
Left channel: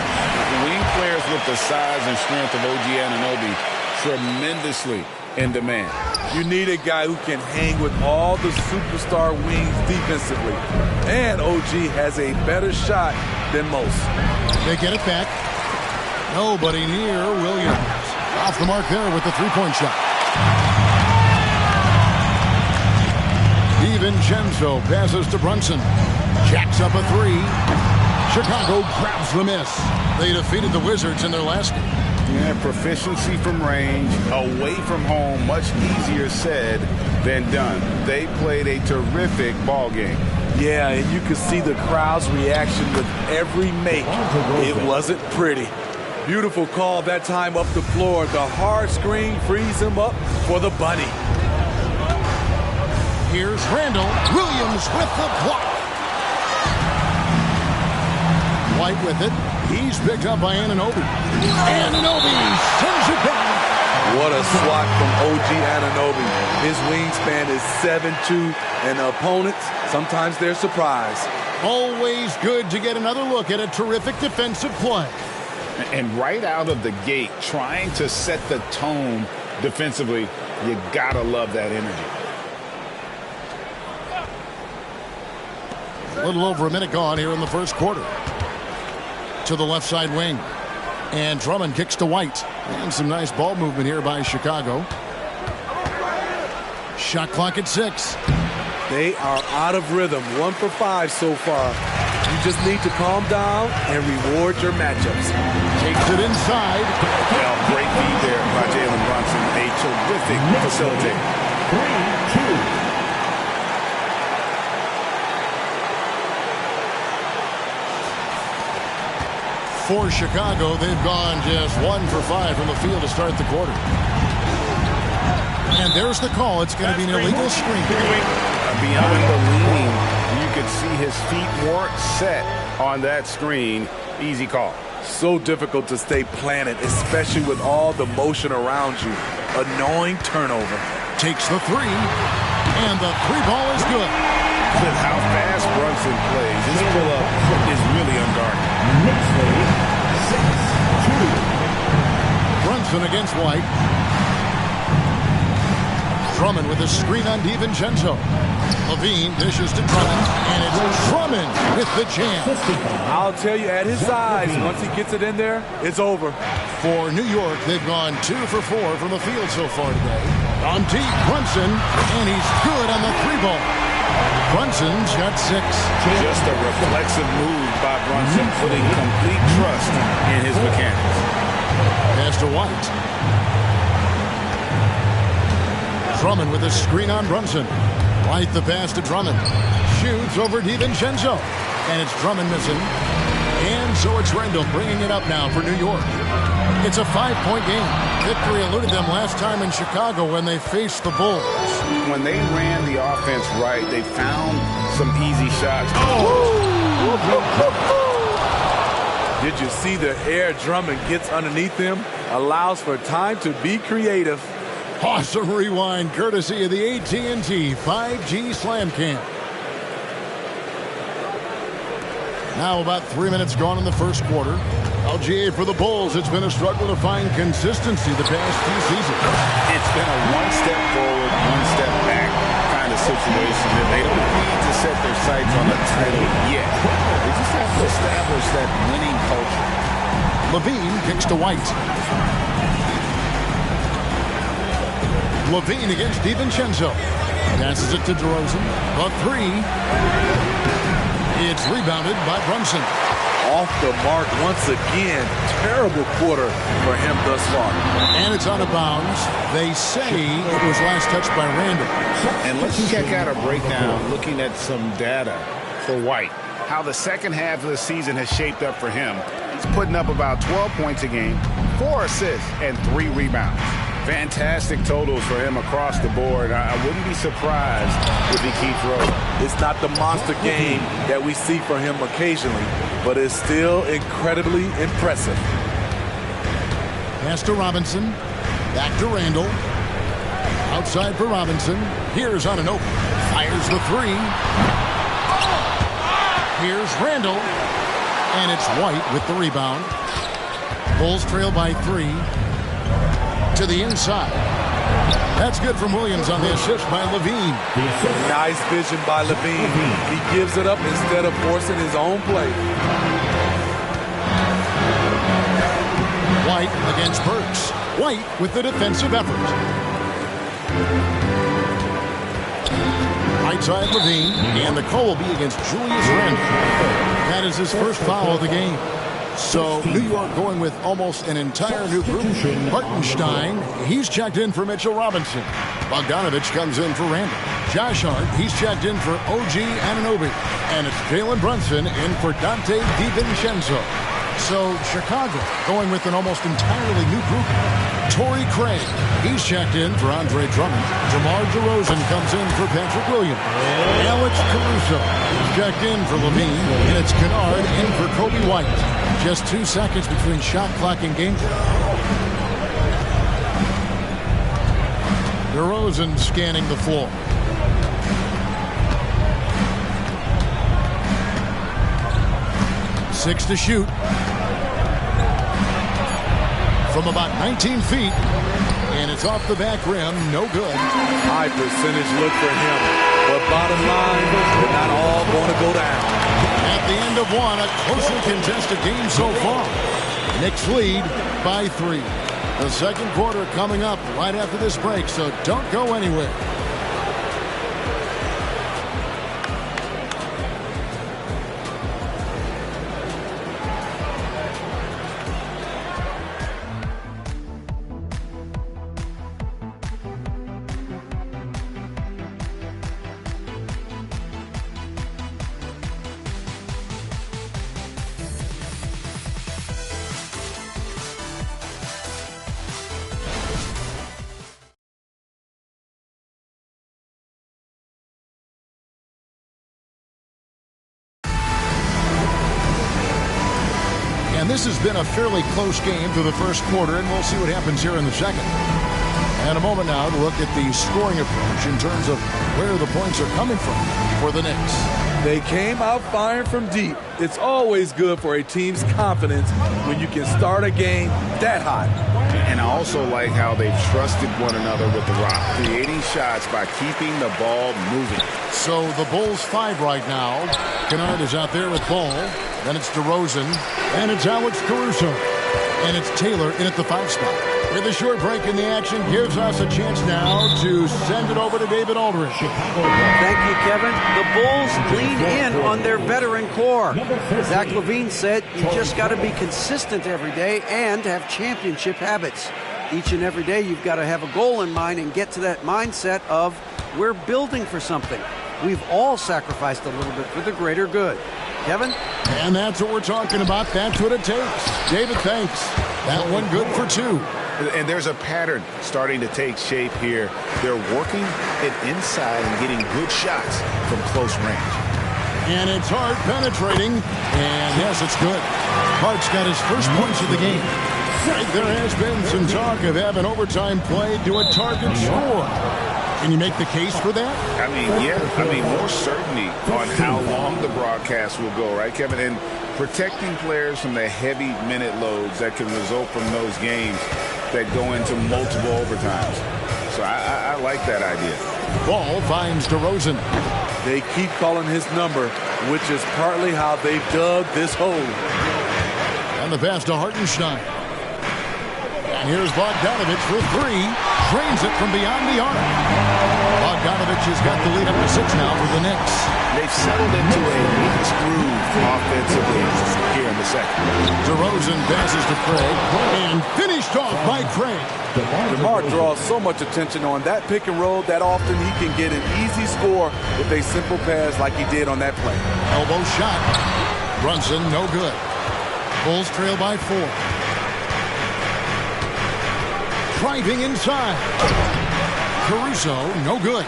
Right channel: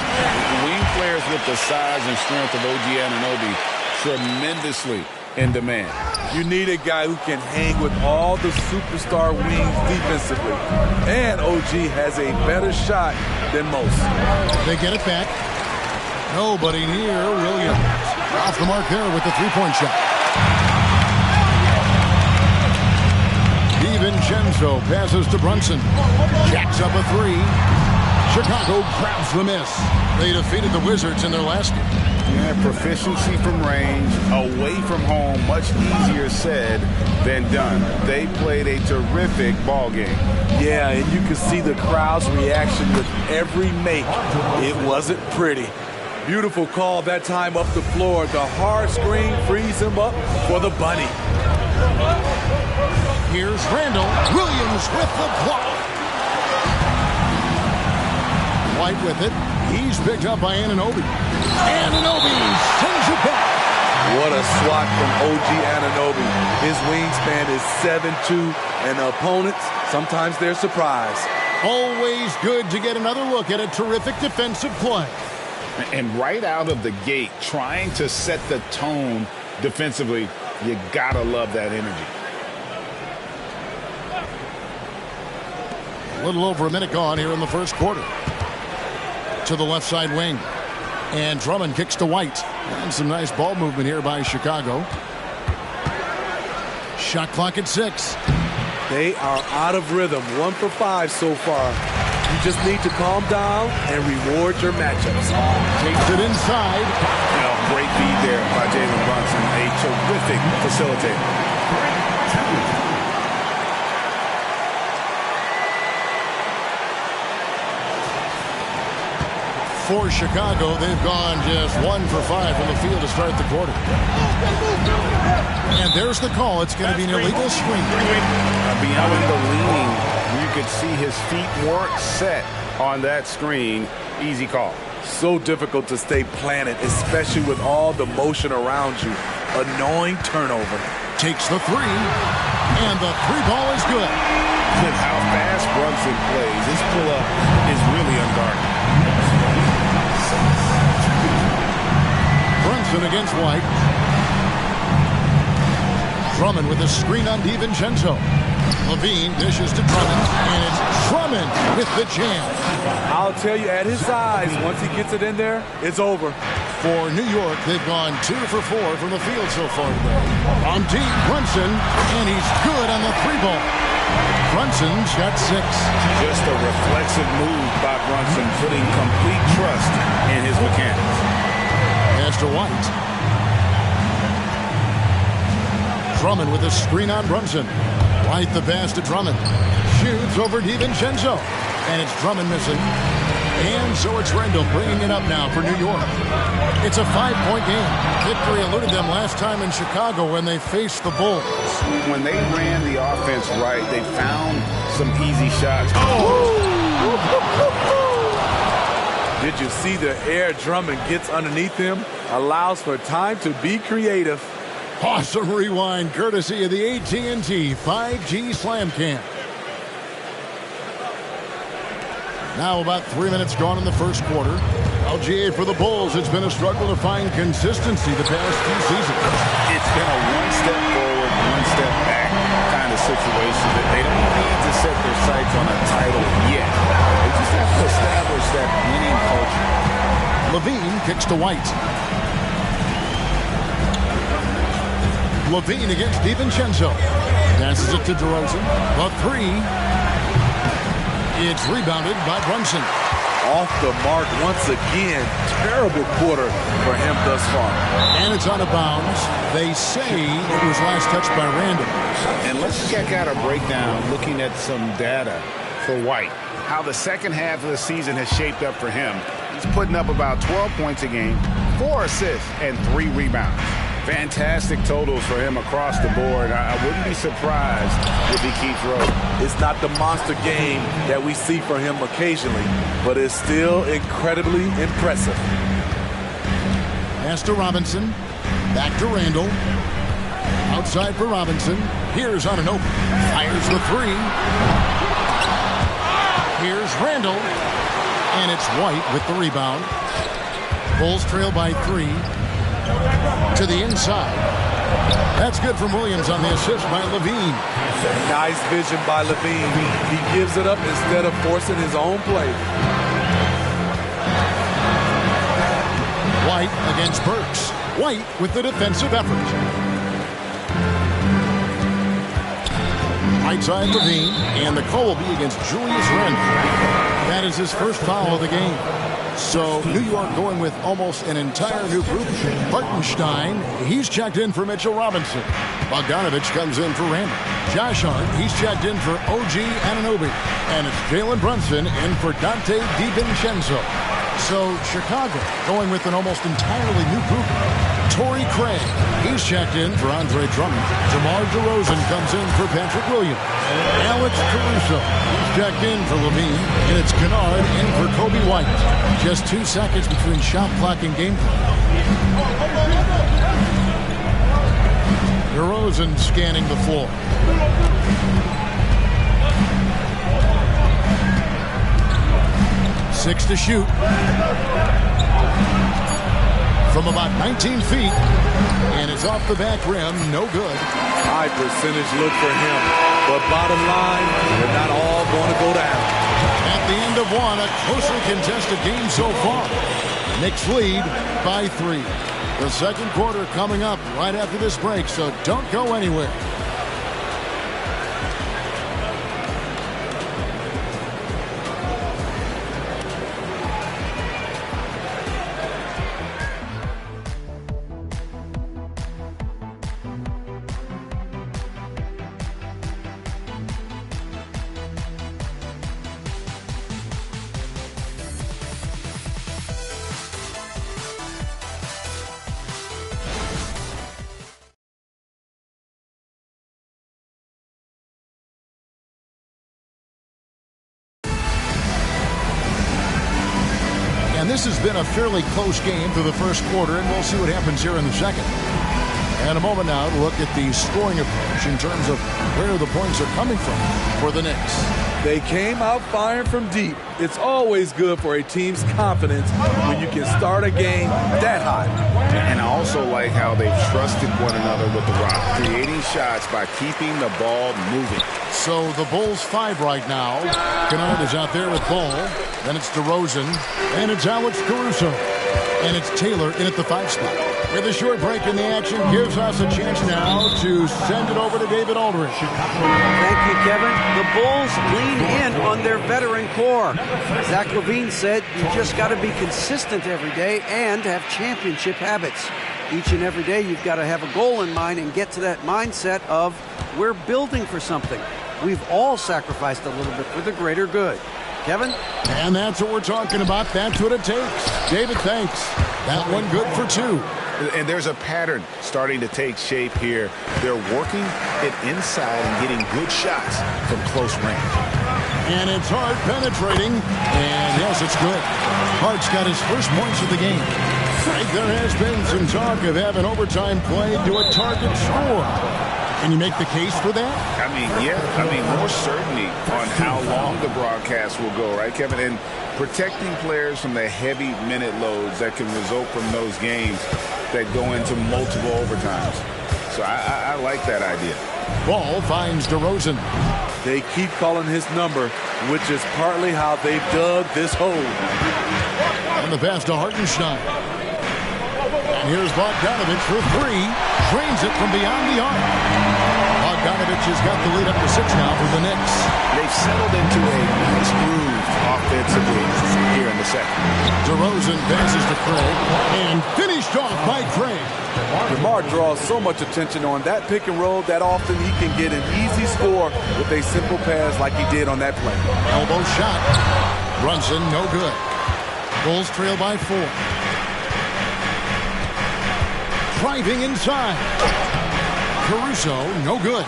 wing players with the size and strength of OG Anunoby tremendously in demand. You need a guy who can hang with all the superstar wings defensively. And OG has a better shot than most. They get it back. Nobody near Williams. Off the mark there with the three-point shot. DiVincenzo passes to Brunson. Jacks up a three. Chicago grabs the miss. They defeated the Wizards in their last game. Yeah, proficiency from range, away from home, much easier said than done. They played a terrific ball game. Yeah, and you can see the crowd's reaction with every make. It wasn't pretty. Beautiful call that time up the floor. The hard screen frees him up for the bunny. Here's Randall. Williams with the block. White with it. He's picked up by Anunoby. Anunoby sends it back. What a swat from OG Anunoby. His wingspan is 7'2", and the opponents, sometimes they're surprised. Always good to get another look at a terrific defensive play. And right out of the gate, trying to set the tone defensively, you gotta love that energy. A little over a minute gone here in the first quarter. To the left side wing. And Drummond kicks to White. And some nice ball movement here by Chicago. Shot clock at 6. They are out of rhythm. 1 for 5 so far. You just need to calm down and reward your matchups. Takes it inside. You know, great feed there by Jalen Brunson. A terrific facilitator. 3-2. For Chicago, they've gone just 1 for 5 from the field to start the quarter. And there's the call. It's going to be an illegal screen. Beyond the leaning, you could see his feet weren't set on that screen. Easy call. So difficult to stay planted, especially with all the motion around you. Annoying turnover. Takes the three, and the three ball is good. With how fast Brunson plays, his pull-up is really unguarded. Brunson against White. Drummond with a screen on DiVincenzo. Levine dishes to Drummond, and it's Drummond with the jam. I'll tell you, at his size, once he gets it in there, it's over. For New York, they've gone 2 for 4 from the field so far today. On deep, Brunson, and he's good on the three ball. Brunson's got 6. Just a reflexive move by Brunson, putting complete trust in his mechanics. Pass to White. Drummond with a screen on Brunson. White the pass to Drummond. Shoots over DiVincenzo. And it's Drummond missing. And so it's Randall bringing it up now for New York. It's a 5-point game. Victory eluded them last time in Chicago when they faced the Bulls. When they ran the offense right, they found some easy shots. Oh! Did you see the air Drummond gets underneath him? Allows for time to be creative. Awesome rewind courtesy of the AT&T 5G Slam Cam. Now about 3 minutes gone in the first quarter. LGA for the Bulls. It's been a struggle to find consistency the past few seasons. It's been a one step forward, one step back kind of situation that they don't need to set their sights on a title yet. They just have to establish that winning culture. Levine kicks to White. Levine against DiVincenzo. Passes it to DeRozan. The three. It's rebounded by Brunson. Off the mark once again. Terrible quarter for him thus far. And it's out of bounds. They say it was last touched by Randall. And let's check out a breakdown looking at some data for White. How the second half of the season has shaped up for him. He's putting up about 12 points a game, 4 assists, and 3 rebounds. Fantastic totals for him across the board. I wouldn't be surprised if he keeps rolling. It's not the monster game that we see for him occasionally, but it's still incredibly impressive. Pass to Robinson. Back to Randall. Outside for Robinson. Here's Anunoby. Fires the three. Here's Randall. And it's White with the rebound. Bulls trail by 3. To the inside. That's good from Williams on the assist by Levine. Nice vision by Levine. He gives it up instead of forcing his own play. White against Burks. White with the defensive effort. Right side Levine, and the call will be against Julius Randle. That is his first foul of the game. So New York going with almost an entire new group. Hartenstein, he's checked in for Mitchell Robinson. Bogdanovich comes in for Randle. Josh Hart, he's checked in for OG Anunoby. And it's Jalen Brunson in for Dante DiVincenzo. So Chicago going with an almost entirely new group. Torrey Craig, he's checked in for Andre Drummond. DeMar DeRozan comes in for Patrick Williams. Alex Caruso, he's checked in for Levine. And it's Kennard in for Kobe White. Just 2 seconds between shot clock and game clock. DeRozan scanning the floor. Six to shoot. From about 19 feet. And it's off the back rim. No good. High percentage look for him. But bottom line, they're not all going to go down. At the end of one, a closely contested game so far. Knicks lead by 3. The second quarter coming up right after this break, so don't go anywhere. And this has been a fairly close game through the first quarter, and we'll see what happens here in the second. And a moment now to look at the scoring approach in terms of where the points are coming from for the Knicks. They came out firing from deep. It's always good for a team's confidence when you can start a game that hot. And I also like how they've trusted one another with the rock, creating shots by keeping the ball moving. So the Bulls 5 right now. Kennard is out there with ball. Then it's DeRozan. And it's Alex Caruso. And it's Taylor in at the 5 spot. With a short break in the action, gives us a chance now to send it over to David Aldridge. Thank you, Kevin. The Bulls lean in on their veteran core. Zach LaVine said you just got to be consistent every day and have championship habits. Each and every day you've got to have a goal in mind and get to that mindset of we're building for something. We've all sacrificed a little bit for the greater good. Kevin? And that's what we're talking about. That's what it takes. David, thanks. That one good for 2. And there's a pattern starting to take shape here. They're working it inside and getting good shots from close range. And it's Hart penetrating. And yes, it's good. Hart's got his first points of the game. There has been some talk of having overtime played to a target score. Can you make the case for that? I mean, yeah. I mean, more certainty on how long the broadcast will go, right, Kevin? And protecting players from the heavy minute loads that can result from those games that go into multiple overtimes. So I like that idea. Ball finds DeRozan. They keep calling his number, which is partly how they've dug this hole. And the pass to Hartenstein. And here's Bogdanovich for 3. Drains it from beyond the arc. Bogdanovich has got the lead up to 6 now for the Knicks. They've settled into a nice groove offensively here in the second. DeRozan passes to Craig and finished off by Craig. DeMar draws so much attention on that pick and roll that often he can get an easy score with a simple pass like he did on that play. Elbow shot. Brunson, no good. Bulls trail by 4. Driving inside. Caruso, no good.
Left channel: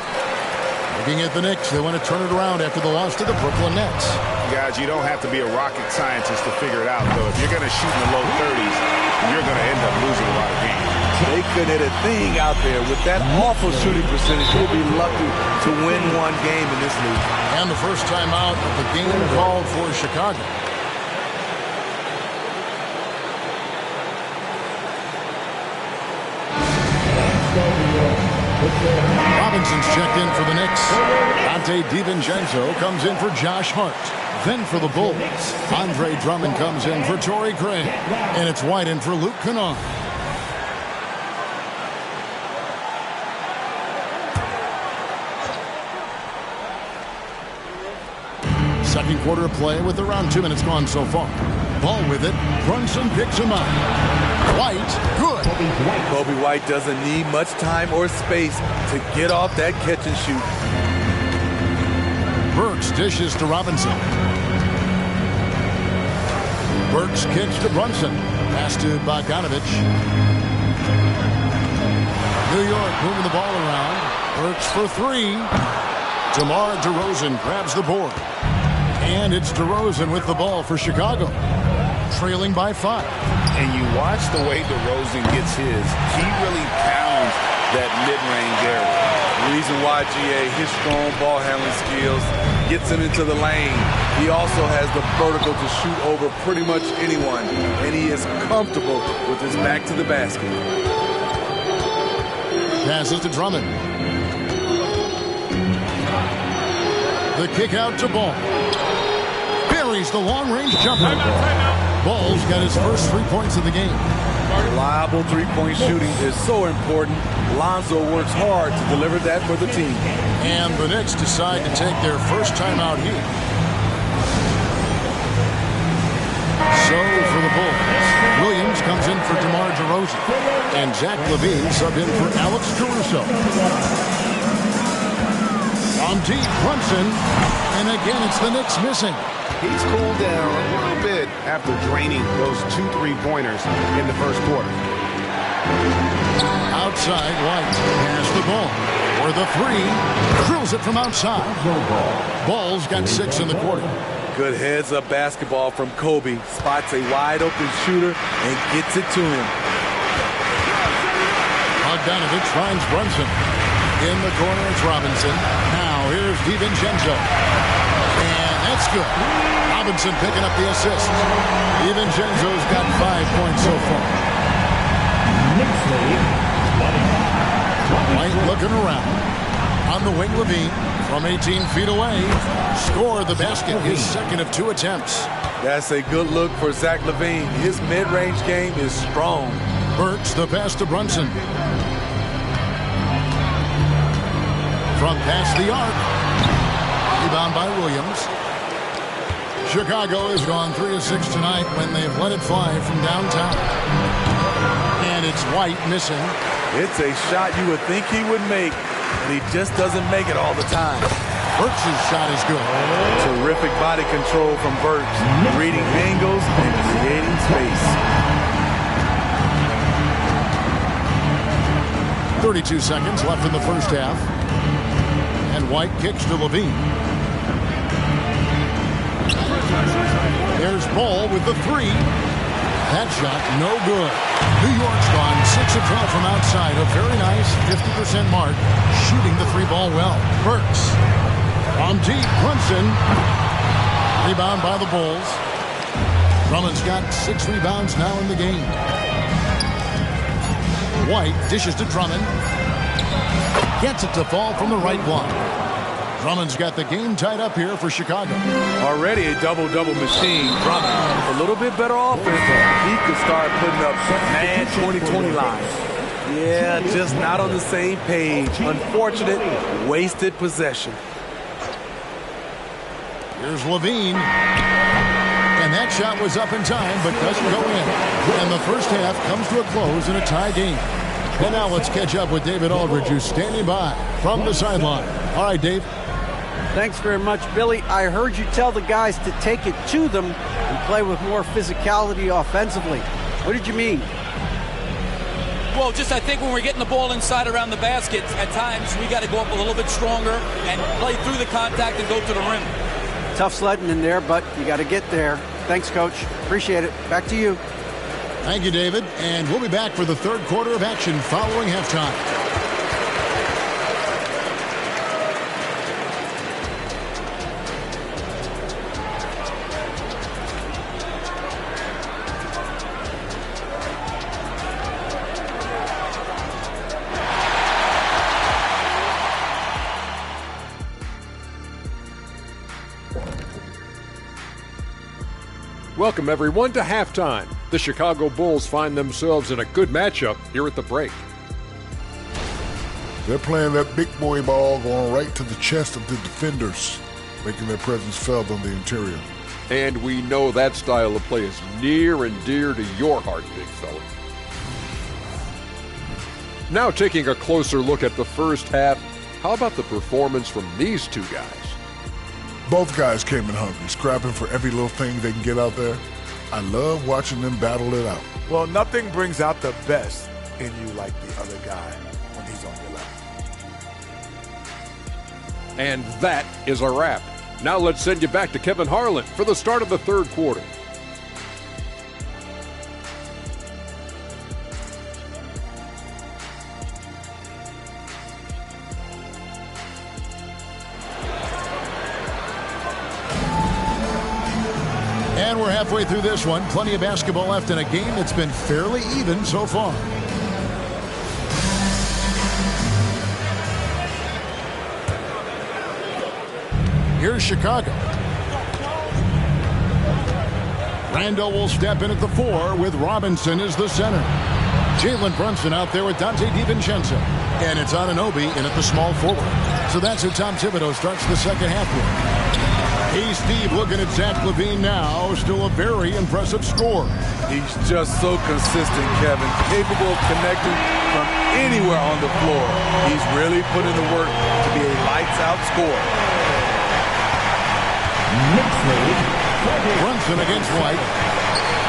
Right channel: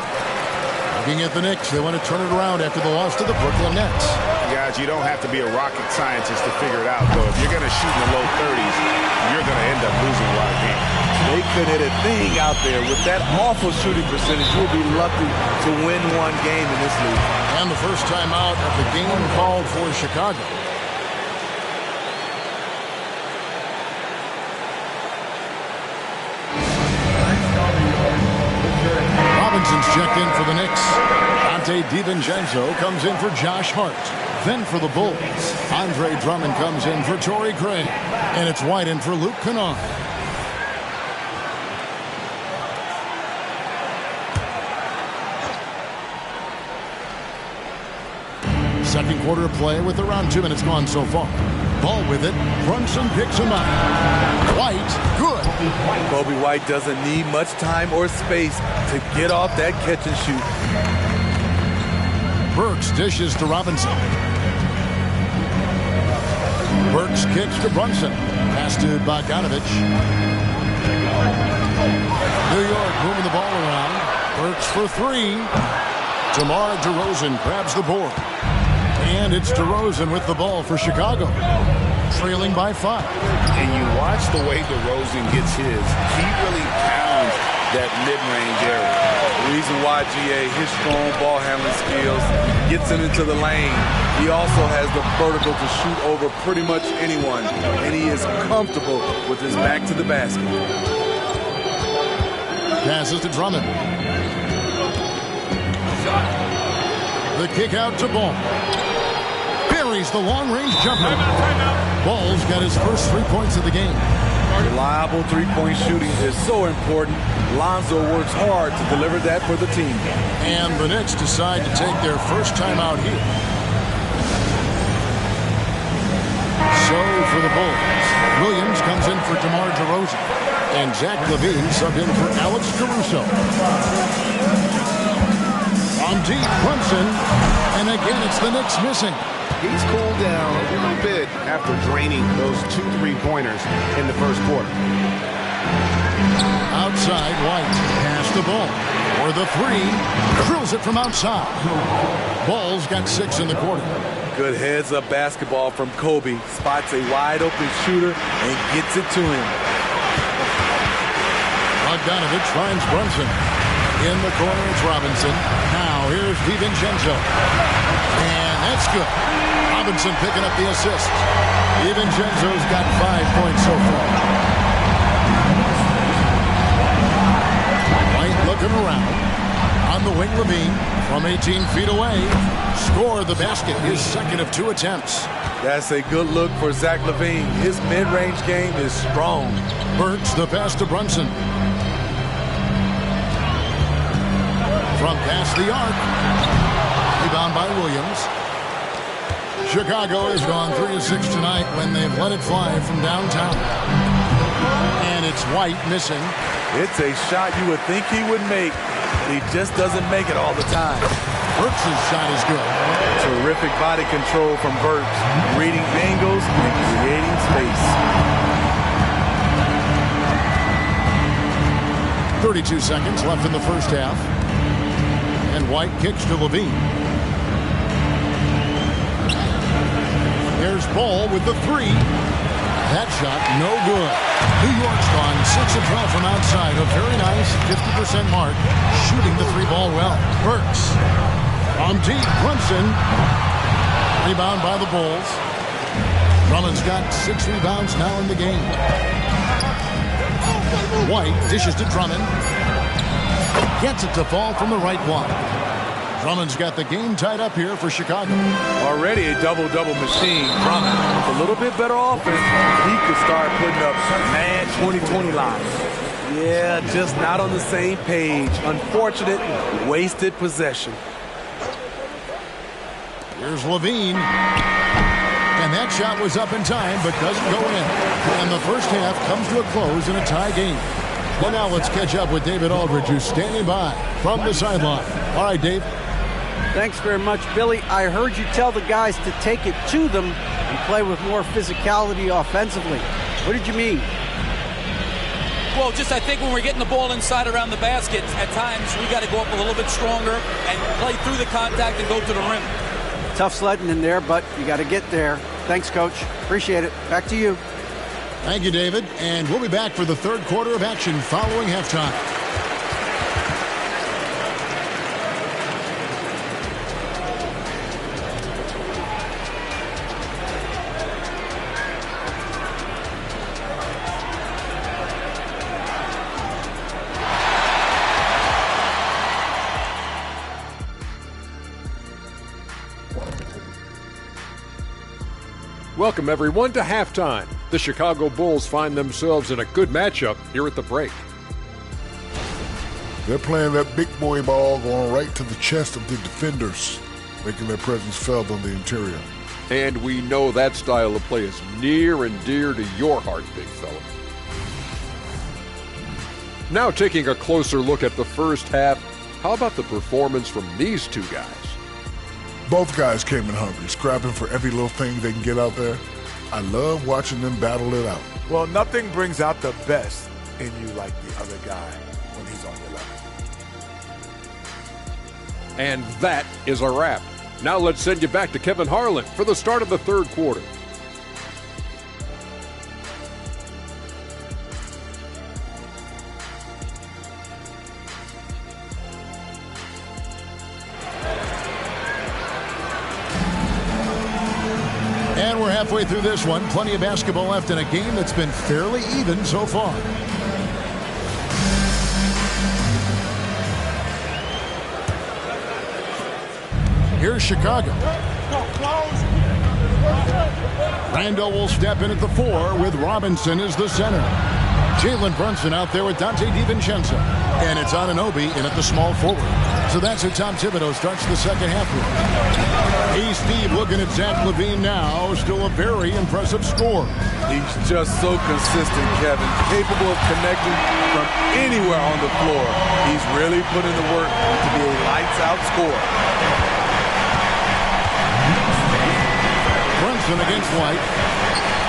Looking at the Knicks, they want to turn it around after the loss to the Brooklyn Nets. Guys, you don't have to be a rocket scientist to figure it out, though. If you're going to shoot in the low 30s, you're going to end up losing a lot of games. They could hit a thing out there. With that awful shooting percentage, you'll be lucky to win one game in this league. And the first time out of the game called for Chicago. New York Robinson's checked in for the Knicks. Dante DiVincenzo comes in for Josh Hart. Then for the Bulls, Andre Drummond comes in for Torrey Craig. And it's White in for Luke Kennard. Second quarter of play with around 2 minutes gone so far. Ball with it. Brunson picks him up. White, good. Kobe White doesn't need much time or space to get off that catch and shoot. Burks dishes to Robinson. Burks kicks to Brunson. Pass to Bogdanovich. New York moving the ball around. Burks for three. DeMar DeRozan grabs the board. And it's DeRozan with the ball for Chicago. Trailing by 5. And you watch the way DeRozan gets his. He really pounds that mid-range area. The reason why, GA, his strong ball handling skills gets him into the lane. He also has the vertical to shoot over pretty much anyone. And he is comfortable with his back to the basket. Passes to Drummond. The kick out to Ball. Buries the long-range jumper. Timeout. Ball's got his first 3 points of the game. Reliable three-point shooting is so important. Lonzo works hard to deliver that for the team. And the Knicks decide to take their first time out here. So for the Bulls, Williams comes in for DeMar DeRozan. And Zach LaVine sub in for Alex Caruso. On deep, Brunson. And again, it's the Knicks missing. He's cooled down a little bit after draining those 2 3-pointers in the first quarter. Outside, White pass the ball. For the three, drills it from outside. Ball's got 6 in the quarter. Good heads-up basketball from Kobe. Spots a wide-open shooter and gets it to him. Bogdanovich finds Brunson. In the corner, it's Robinson. Now, here's DiVincenzo. And that's good. Robinson picking up the assist. DiVincenzo's got 5 points so far. White looking around. On the wing, LaVine from 18 feet away. Scored the basket, his second of 2 attempts. That's a good look for Zach LaVine. His mid-range game is strong. Burks the pass to Brunson. From past the arc. Rebound by Williams. Chicago has gone 3 of 6 tonight when they've let it fly from downtown. And it's White missing. It's a shot you would think he would make, but he just doesn't make it all the time. Burks' shot is good. Terrific body control from Burks, reading angles and creating space. 32 seconds left in the first half. And White kicks to LaVine. There's Ball with the three. That shot, no good. New York's gone 6 of 12 from outside. A very nice 50% mark. Shooting the 3-ball well. Burks. From deep, Brunson. Rebound by the Bulls. Drummond's got 6 rebounds now in the game. White dishes to Drummond. Gets it to fall from the right block. Drummond's got the game tied up here for Chicago. Already a double-double machine. Drummond, with a little bit better offense, he could start putting up mad 20-20 lines. Yeah, just not on the same page. Unfortunate, wasted possession. Here's LaVine. And that shot was up in time, but doesn't go in. And the first half comes to a close in a tie game. And now let's catch up with David Aldridge, who's standing by from the sideline. All right, Dave. Thanks very much, Billy. I heard you tell the guys to take it to them and play with more physicality offensively. What did you mean? Well, just I think when we're getting the ball inside around the basket, at times we got to go up a little bit stronger and play through the contact and go to the rim. Tough sledding in there, but you got to get there. Thanks, Coach. Appreciate it. Back to you. Thank you, David. And we'll be back for the third quarter of action following halftime. Welcome, everyone, to halftime. The Chicago Bulls find themselves in a good matchup here at the break. They're playing that big boy ball going right to the chest of the defenders, making their presence felt on the interior. And we know that style of play is near and dear to your heart, big fella. Now taking a closer look at the first half, how about the performance from these two guys? Both guys came in hungry, scrapping for every little thing they can get out there. I love watching them battle it out. Well, nothing brings out the best in you like the other guy when he's on your level. And that is a wrap. Now let's send you back to Kevin Harlan for the start of the third quarter. And we're halfway through this one. Plenty of basketball left in a game that's been fairly even so far. Here's Chicago. Randall will step in at the 4 with Robinson as the center. Jalen Brunson out there with Dante DiVincenzo. And it's Anunoby in at the small forward. So that's who Tom Thibodeau starts the second half with. Hey, Steve, looking at Zach LaVine now. Still a very impressive score. He's just so consistent, Kevin. Capable of connecting from anywhere on the floor. He's really put in the work to be a lights-out scorer. Brunson against White.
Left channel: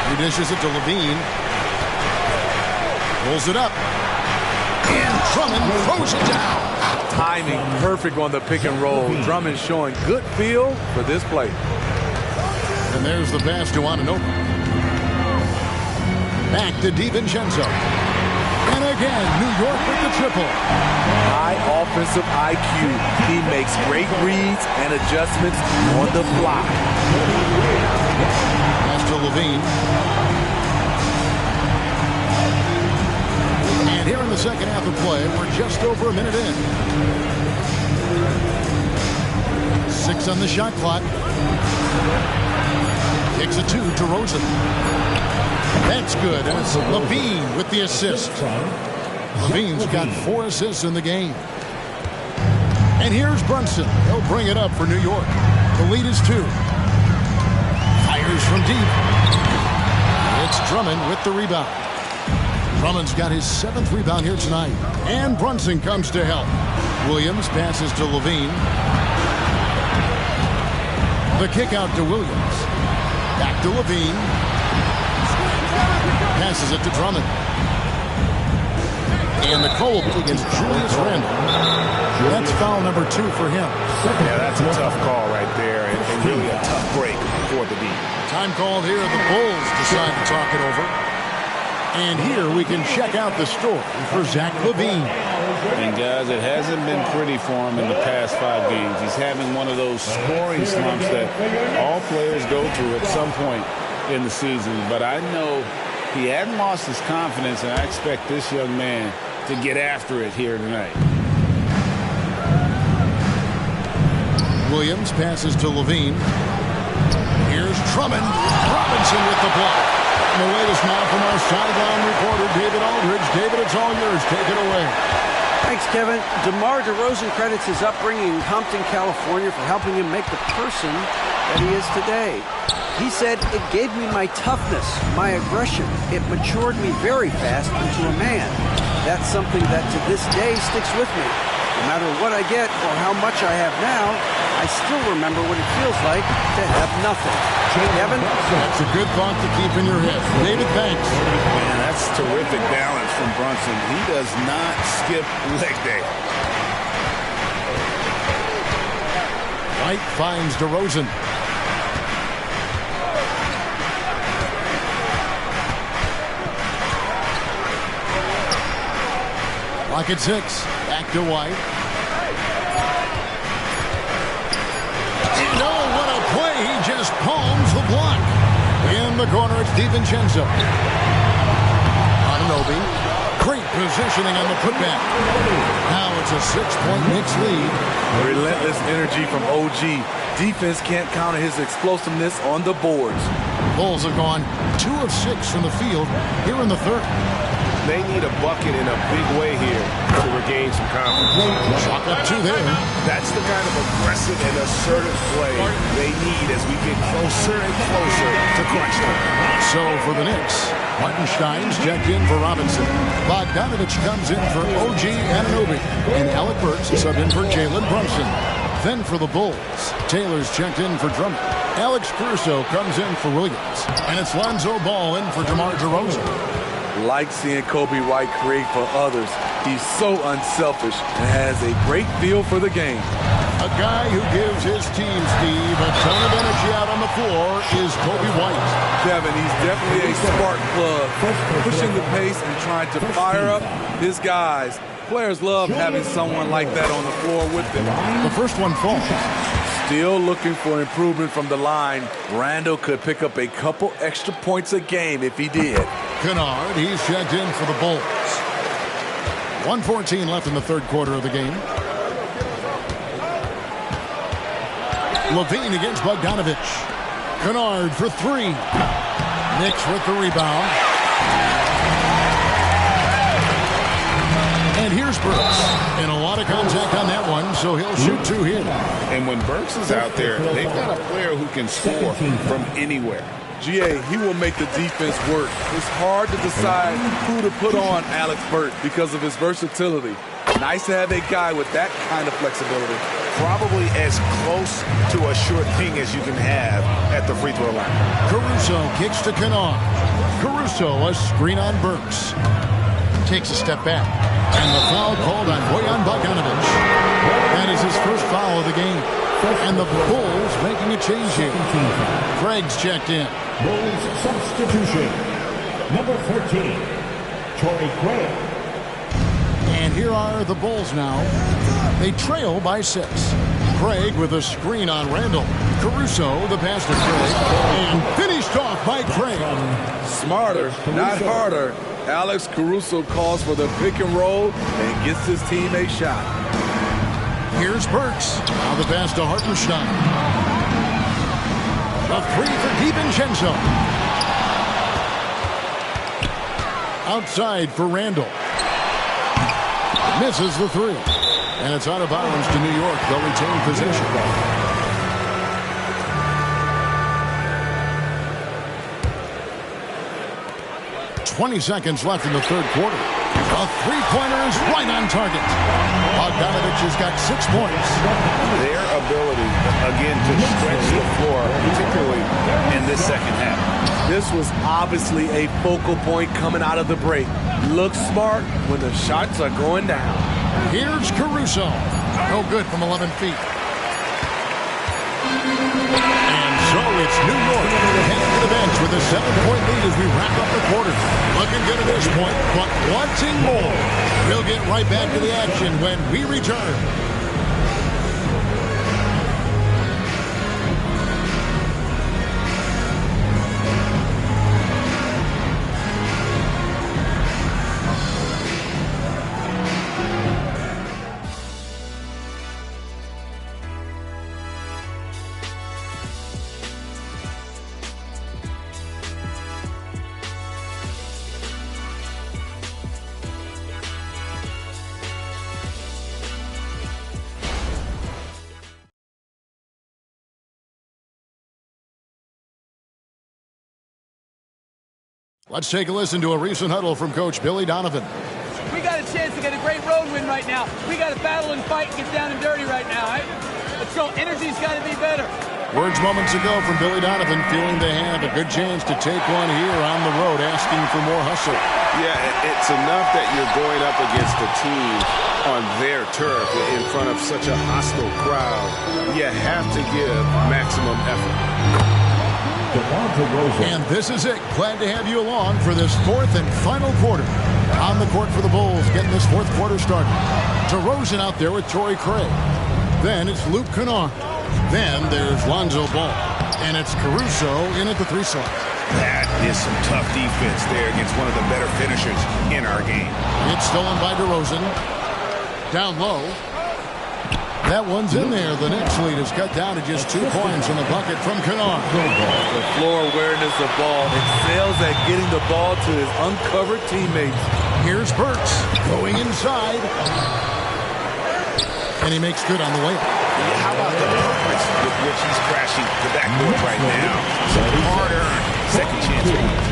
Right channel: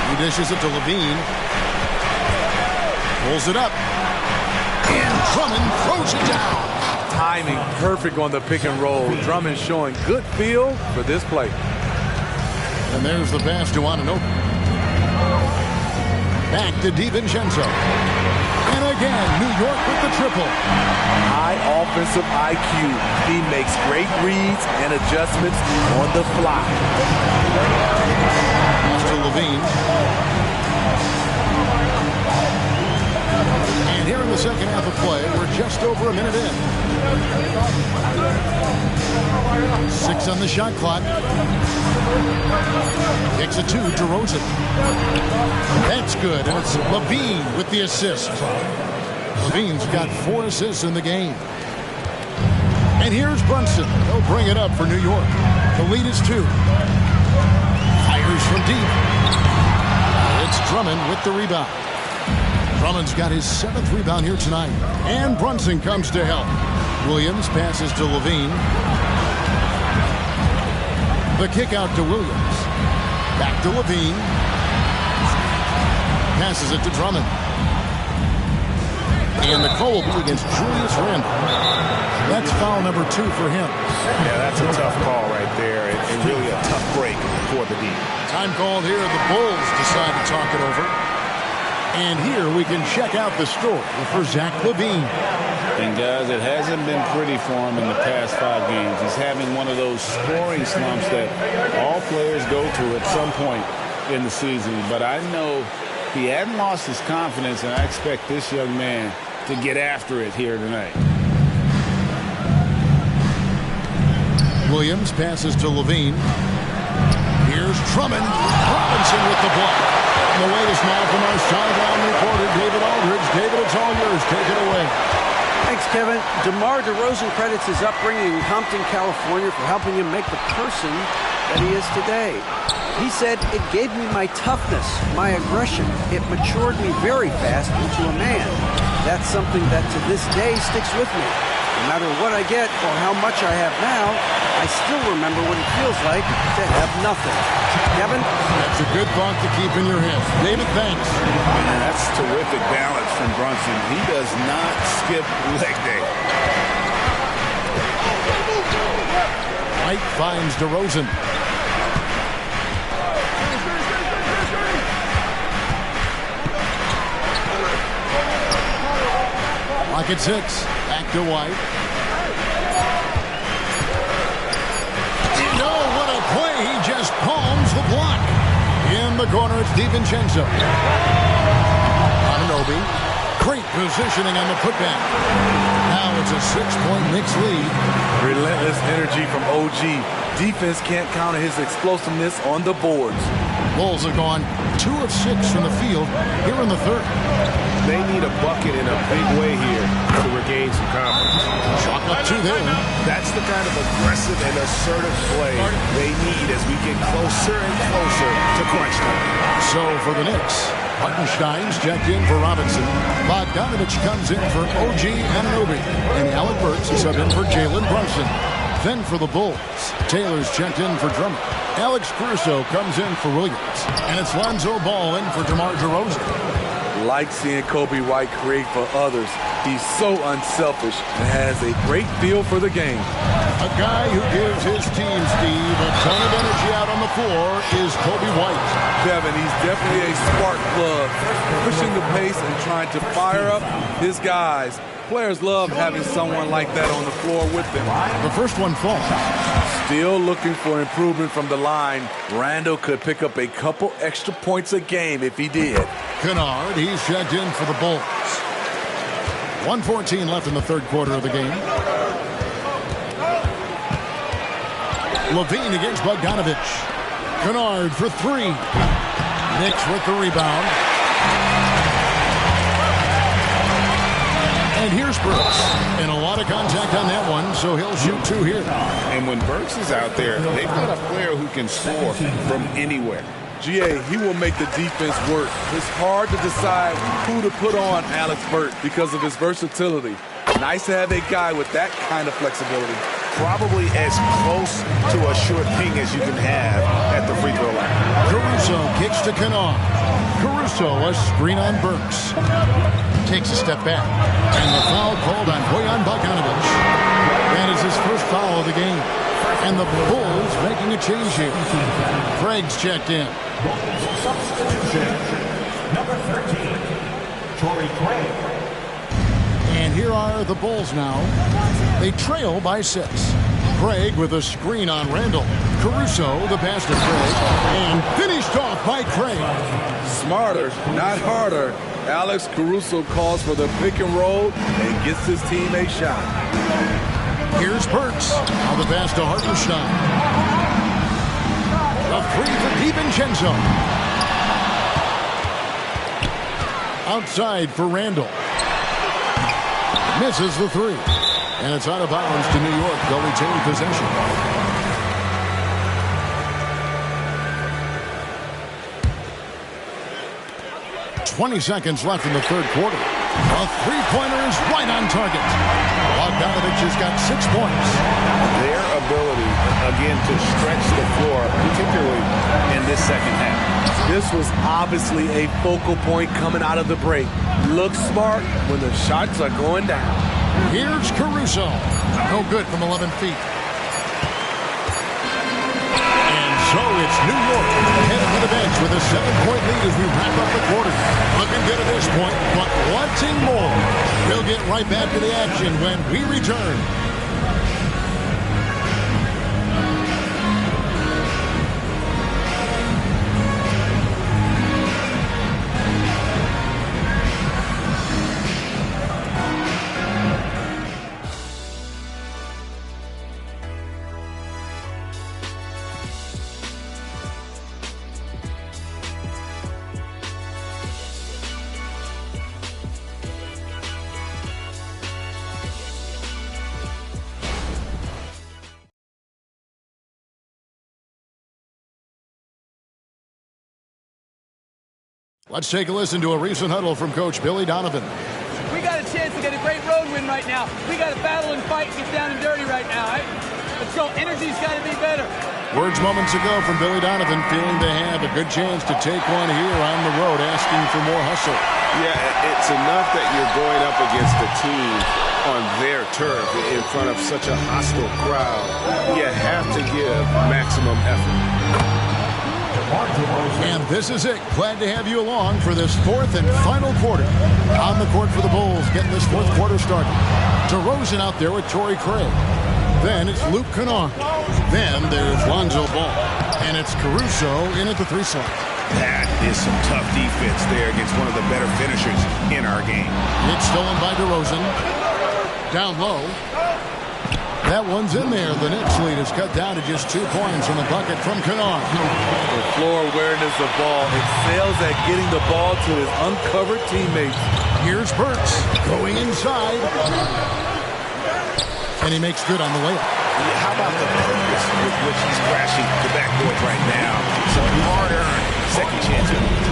He dishes it to LaVine. Pulls it up. And Drummond throws it down. Timing perfect on the pick and roll. Drummond showing good feel for this play. And there's the pass to Anunoby. Back to DiVincenzo. And again, New York with the triple. High offensive IQ. He makes great reads and adjustments on the fly. Pass to LaVine. And here in the second half of play, we're just over a minute in. 6 on the shot clock. Kicks it to DeRozan. That's good, and it's LaVine with the assist. LaVine's got 4 assists in the game. And here's Brunson. He'll bring it up for New York. The lead is 2. Fires from deep. It's Drummond with the rebound. Drummond's got his 7th rebound here tonight. And Brunson comes to help. Williams passes to LaVine. The kick out to Williams. Back to LaVine. Passes it to Drummond. And the call will be against Julius Randle. That's foul number 2 for him. Yeah, that's a tough call right there, and really a tough break for the D. Time called here. The Bulls decide to talk it over. And here we can check out the story for Zach LaVine. And guys, it hasn't been pretty for him in the past 5 games. He's having one of those scoring slumps that all players go through at some point in the season. But I know he hadn't lost his confidence, and I expect this young man to get after it here tonight. Williams passes to LaVine. Here's Drummond. Robinson with the block. And the latest now from our sideline reporter, David Aldridge. David, it's all yours. Take it away. Thanks, Kevin. DeMar DeRozan credits his upbringing in Compton, California for helping him make the person that he is today. He said, "It gave me my toughness, my aggression. It matured me very fast into a man. That's something that to this day sticks with me. No matter what I get or how much I have now, I still remember what it feels like to have nothing." Kevin? That's a good thought to keep in your head. David, thanks. Man, that's terrific balance from Brunson. He does not skip leg day. White finds DeRozan. Clock at 6. Back to White. And oh, what a play. He just palms the block. In the corner, it's DiVincenzo. Anunoby. Great positioning on the putback. Now it's a 6-point Knicks lead. Relentless energy from OG. Defense can't counter his explosiveness on the boards. Bulls have gone 2 of 6 from the field here in the third. They need a bucket in a big way here to regain some confidence. Chalk up 2 there. That's the kind of aggressive and assertive play they need as we get closer and closer to crunch time. So for the Knicks, Hartenstein's checked in for Robinson. Bogdanovich comes in for OG Anunoby. And Alec Burks is subbed in for Jalen Brunson. Then for the Bulls, Taylor's checked in for Drummond. Alex Caruso comes in for Williams. And it's Lonzo Ball in for DeMar DeRozan. Like seeing Kobe White create for others. He's so unselfish and has a great feel for the game. A guy who gives his team, Steve, a ton of energy out on the floor is Kobe White. Kevin, he's definitely a spark plug, pushing the pace and trying to fire up his guys. Players love having someone like that on the floor with them. The first one falls. Still looking for improvement from the line. Randall could pick up a couple extra points a game if he did. Kennard, he's checked in for the Bulls. 1:14 left in the third quarter of the game. Levine against Bogdanovich. Kennard for 3. Knicks with the rebound. And here's Burks. And a lot of contact on that one, so he'll shoot 2 here. And when Burks is out there, they've got a player who can score from anywhere. GA, he will make the defense work. It's hard to decide who to put on Alex Burks because of his versatility. Nice to have a guy with that kind of flexibility. Probably as close to a sure thing as you can have at the free throw line. Caruso kicks to Kennard. Caruso, a screen on Burks. Takes a step back. And the foul called on Bojan Bogdanovich. That is his first foul of the game. And the Bulls making a change here. Craig's checked in. Bulls substitution. Number 13, Torrey Craig. And here are the Bulls now. They trail by 6. Craig with a screen on Randall. Caruso, the pass to Craig. And finished off by Craig. Smarter, not harder. Alex Caruso calls for the pick and roll and gets his team a shot. Here's Burks. Now the pass to Hartenstein. A 3 for DiVincenzo. Outside for Randall. Misses the 3. And it's out of bounds to New York. They'll retain possession. .20 seconds left in the third quarter. A three-pointer is right on target. Bogdanovich has got 6 points. Their ability, again, to stretch the floor, particularly in this second half. This was obviously a focal point coming out of the break. Looks smart when the shots are going down. Here's Caruso. No good from 11 feet. And so it's New York heading to the bench with a 7-point lead as we wrap up the quarter. Looking good at this point, but wanting more. We'll get right back to the action when we return. Let's take a listen to a recent huddle from Coach Billy Donovan. We got a chance to get a great road win right now. We got to battle and fight and get down and dirty right now. Right? Let's go. Energy's got to be better. Words moments ago from Billy Donovan, feeling they have a good chance to take one here on the road, asking for more hustle. Yeah, it's enough that you're going up against a team on their turf in front of such a hostile crowd. You have to give maximum effort. And this is it. Glad to have you along for this fourth and final quarter. On the court for the Bulls, getting this fourth quarter started. DeRozan out there with Torrey Craig. Then it's Luke Kennard. Then there's Lonzo Ball. And it's Caruso in at the 3 slot. That is some tough defense there against one of the better finishers in our game. It's stolen by DeRozan. Down low. That one's in there. The Knicks lead is cut down to just 2 points from the bucket from Kennard. The floor awareness of ball excels at getting the ball to his uncovered teammates. Here's Burks going inside. And he makes good on the layup. How about the purpose with which he's crashing the backboards right now? Some hard-earned second chance points.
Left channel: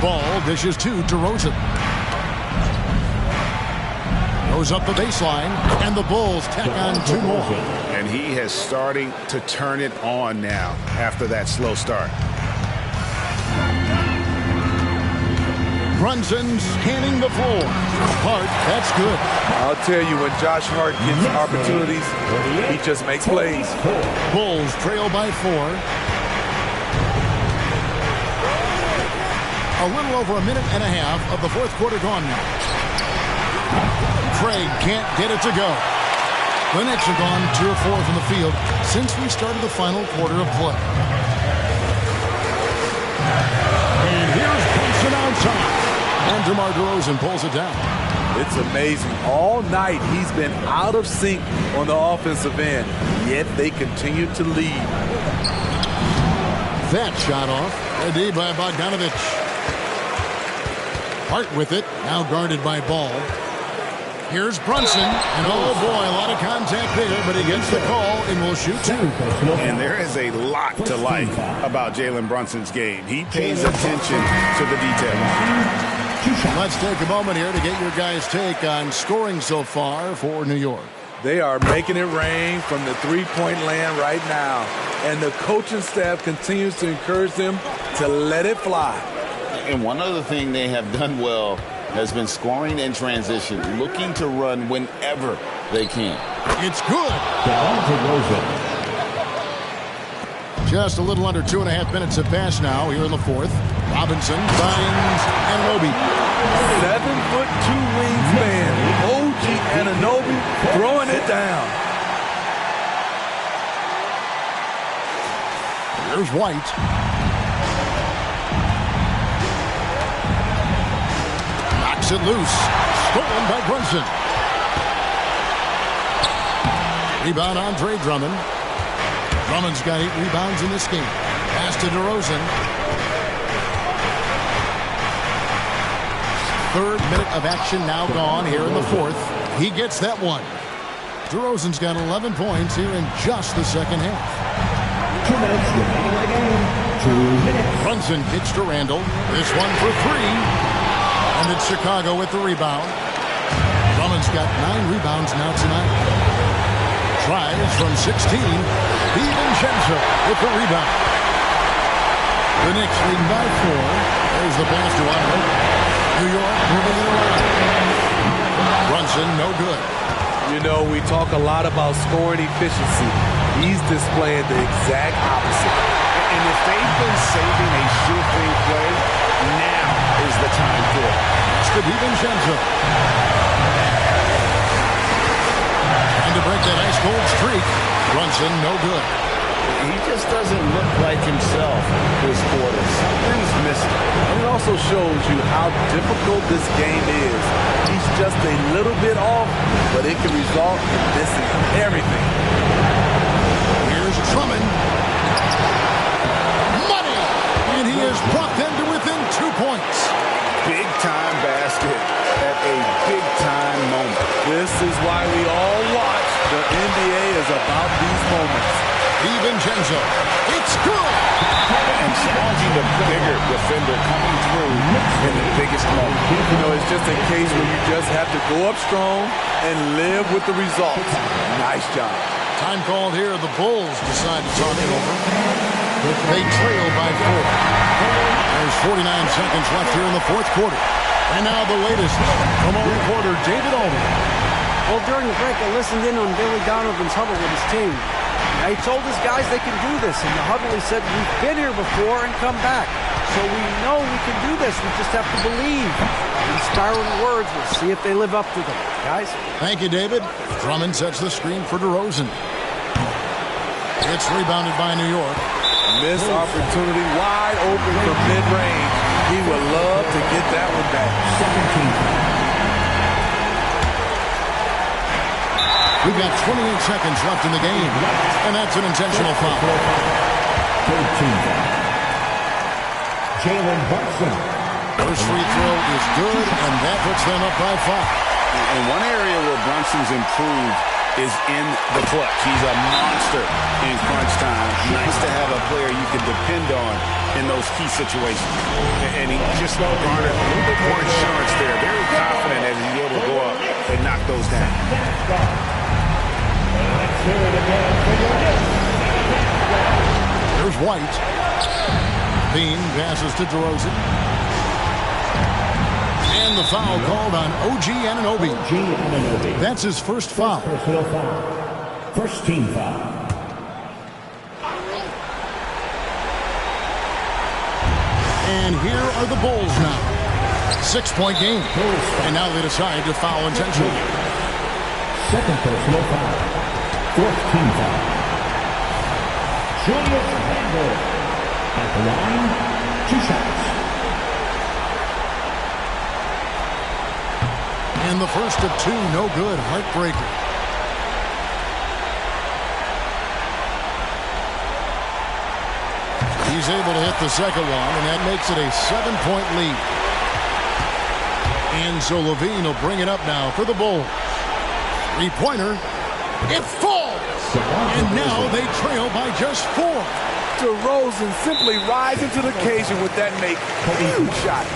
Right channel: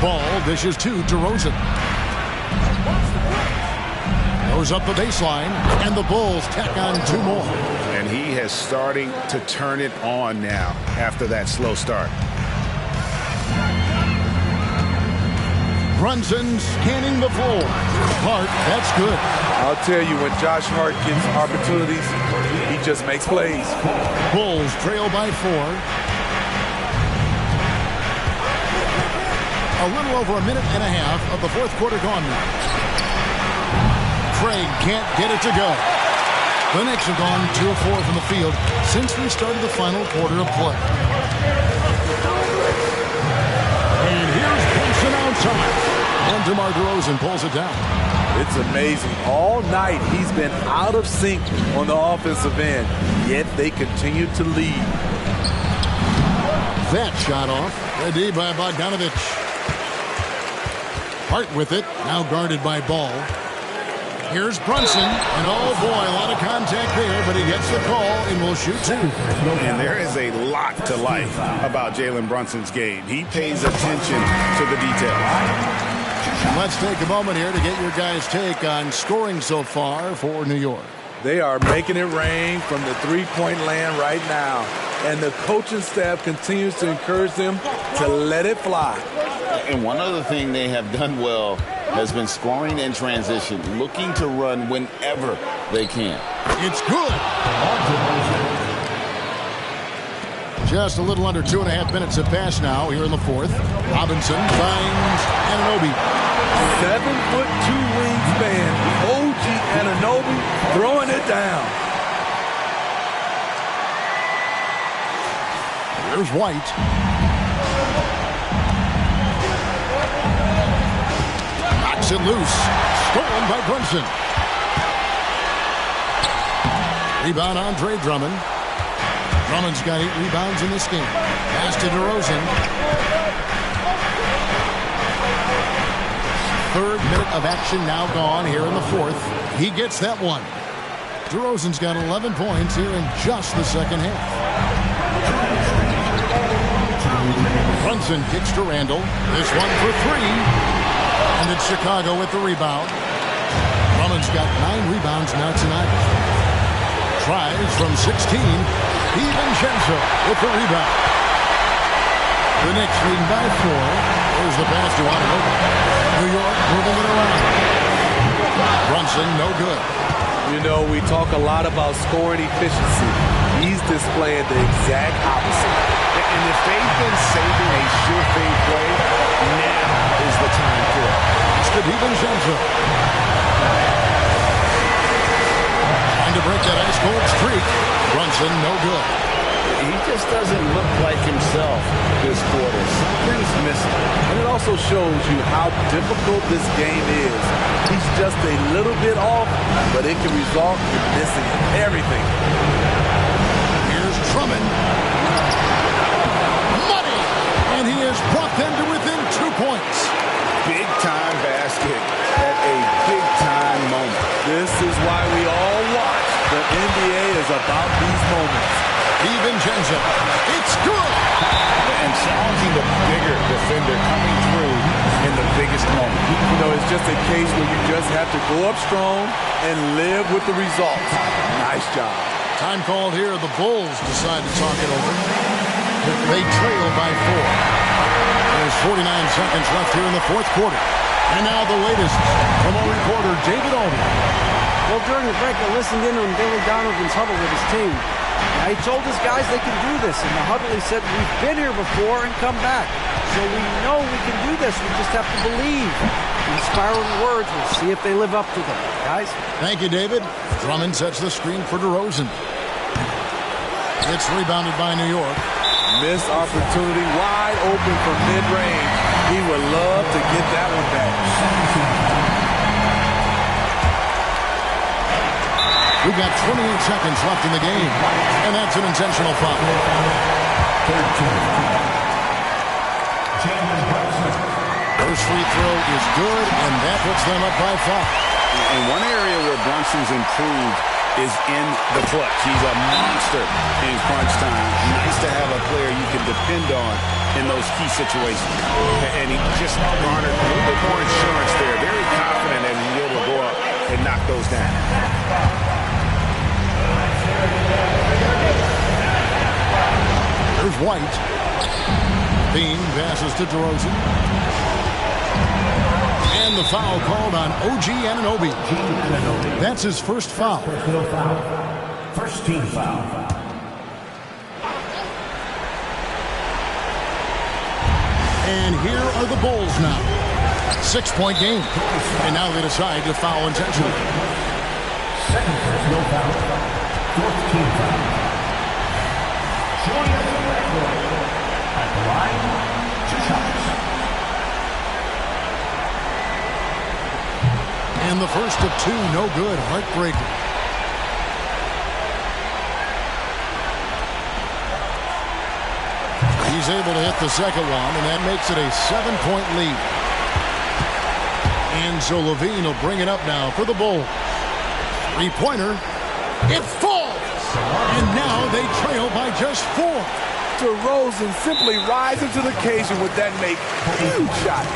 Ball dishes to DeRozan. Goes up the baseline, and the Bulls tack on 2 more. And he has starting to turn it on now after that slow start. Brunson scanning the floor. Hart, that's good. I'll tell you, when Josh Hart gets opportunities, he just makes plays. Bulls trail by 4. A little over a minute and a half of the 4th quarter gone now. Craig can't get it to go. The Knicks have gone 2 of 4 from the field since we started the final quarter of play. And here's Brunson outside. And DeMar DeRozan pulls it down. It's amazing. All night he's been out of sync on the offensive end, yet they continue to lead. That shot off. Ready by Bogdanovich. Hart with it. Now guarded by Ball. Here's Brunson. And oh boy, a lot of contact there, but he gets the call and will shoot 2. And there is a lot to like about Jalen Brunson's game. He pays attention to the details. Let's take a moment here to get your guys' take on scoring so far for New York. They are making it rain from the three-point land right now. And the coaching staff continues to encourage them to let it fly. And one other thing they have done well has been scoring in transition, looking to run whenever they can. It's good. Just a little under 2.5 minutes have passed now here in the 4th. Robinson finds Anunoby. 7'2" wingspan. OG Anunoby throwing it down. Here's White. Knocks it loose. Stolen by Brunson. Rebound Andre Drummond. Drummond's got 8 rebounds in this game. Pass to DeRozan. 3rd minute of action now gone here in the 4th. He gets that one. DeRozan's got 11 points here in just the 2nd half. Brunson kicks to Randall. This one for 3. And it's Chicago with the rebound. Drummond's got 9 rebounds now tonight. Tries from 16. DiVincenzo with the rebound. The Knicks leading by 4. There's the pass to Anunoby. New York moving it around. Brunson, no good. You know, we talk a lot about scoring efficiency. He's displaying the exact opposite. And if they've been saving a sure thing play, now is the time for it. That's to DiVincenzo. Trying to break that ice-cold streak. Brunson, no good. He just doesn't look like himself this quarter. Something's missing. And it also shows you how difficult this game is. He's just a little bit off, but it can result in missing everything. Here's Drummond. Money! And he has brought them to within 2 points. Big-time basket at a big-time moment. This is why we all watch. The NBA is about these moments. DiVincenzo. It's good. And challenging the bigger defender coming through in the biggest moment. You know, it's just a case where you just have to go up strong and live with the results. Nice job. Time called here. The Bulls decide to talk it over. They trail by 4. There's 49 seconds left here in the 4th quarter. And now the latest from our reporter, David Aldridge. Well, during the break, I listened in on Billy Donovan's huddle with his team. Now, he told his guys they can do this. In the huddle, he said, we've been here before and come back. So we know we can do this. We just have to believe. Inspiring words. We'll see if they live up to them. Guys? Thank you, David. Drummond sets the screen for DeRozan. It's rebounded by New York. Missed opportunity, wide open from mid-range. He would love to get that one back. We've got 28 seconds left in the game, and that's an intentional foul. Jalen Brunson. First free throw is good, and that puts them up by 5. And one area where Brunson's improved is in the clutch. He's a monster in crunch time. Nice to have a player you can depend on in those key situations. And he just garnered a little bit more insurance there. Very confident that he's able to go up and knock those down. There's White. Bean passes to DeRozan. And the foul called on OG Anunoby. That's his first foul. Personal foul. First team foul. And here are the Bulls now. 6-point game. And now they decide to foul intentionally. Second personal foul. Fourth team foul. Julius Randle. At the line, 2 shots. And the first of 2, no good. Heartbreaker. He's able to hit the second one, and that makes it a 7-point lead. And so Levine will bring it up now for the Bulls. 3-pointer. It falls! And now they trail by just 4. DeRozan simply rising to the occasion with that huge shot.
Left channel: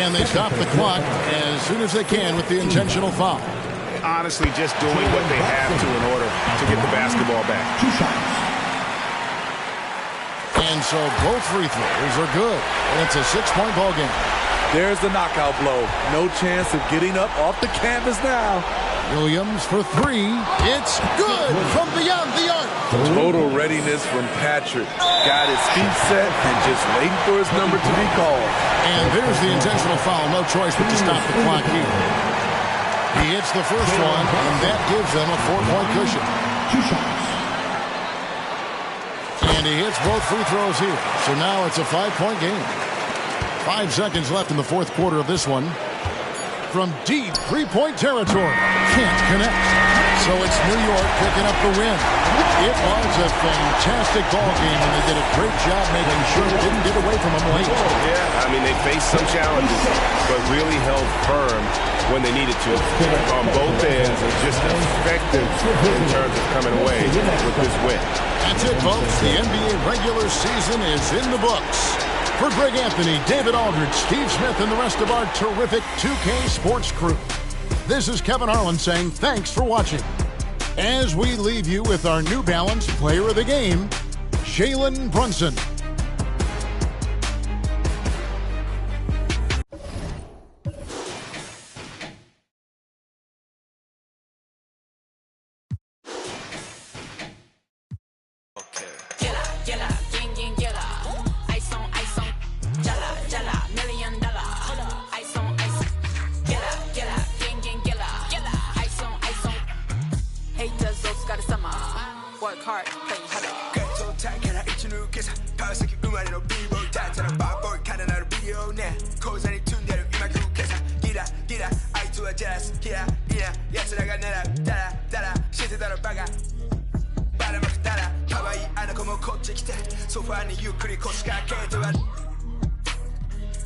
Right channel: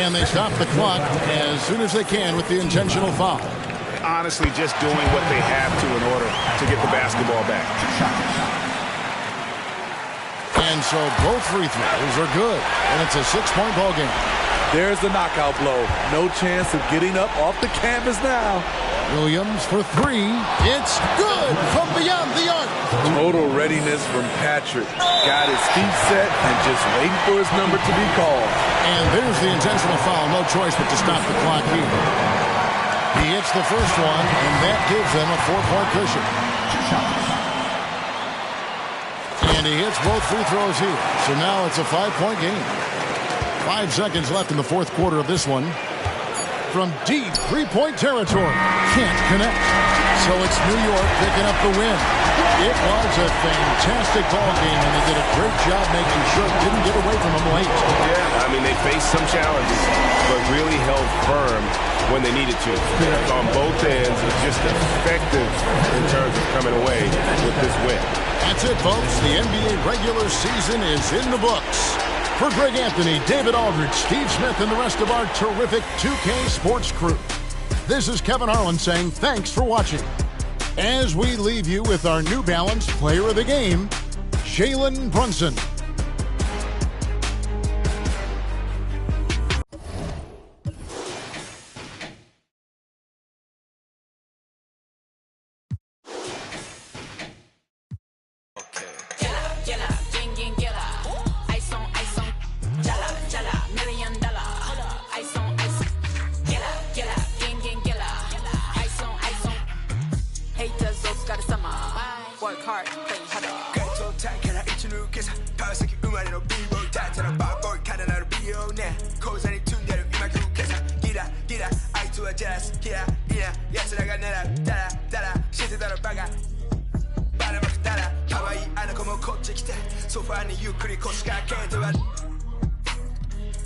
And they stop the clock as soon as they can with the intentional foul. Honestly, just doing what they have to in order to get the basketball back. 2 shots. And so both free throws are good. And it's a 6-point ball game. There's the knockout blow. No chance of getting up off the canvas now. Williams for 3. It's good from beyond the arc. Total readiness from Patrick. Got his feet set and just waiting for his number to be called. And there's the intentional foul. No choice but to stop the clock here. He hits the first one, and that gives them a 4-point cushion. 2 shots. And he hits both free throws here. So now it's a 5-point game. 5 seconds left in the fourth quarter of this one. From deep 3-point territory. Can't connect. So it's New York picking up the win. It was a fantastic ball game, and they did a great job making sure it didn't get away from them late. Yeah, I mean, they faced some challenges, but really held firm when they needed to. On both ends, just effective in terms of coming away with this win. That's it, folks. The NBA regular season is in the books. For Greg Anthony, David Aldridge, Steve Smith, and the rest of our terrific 2K Sports crew, this is Kevin Harlan saying thanks for watching. As we leave you with our New Balance Player of the Game, Jalen Brunson. Work hard, play harder. Get tight, can I eat your new kiss? Power second, in a B-roll, dance and a bad boy, kind of not a video now. Cause I need to get in my crew, kiss. Get up, I do a jazz, yeah, yes, I got nada, dada, shit that a bagger. Baramak dada, Hawaii, and a como coach, so far, you could cost, can't do it.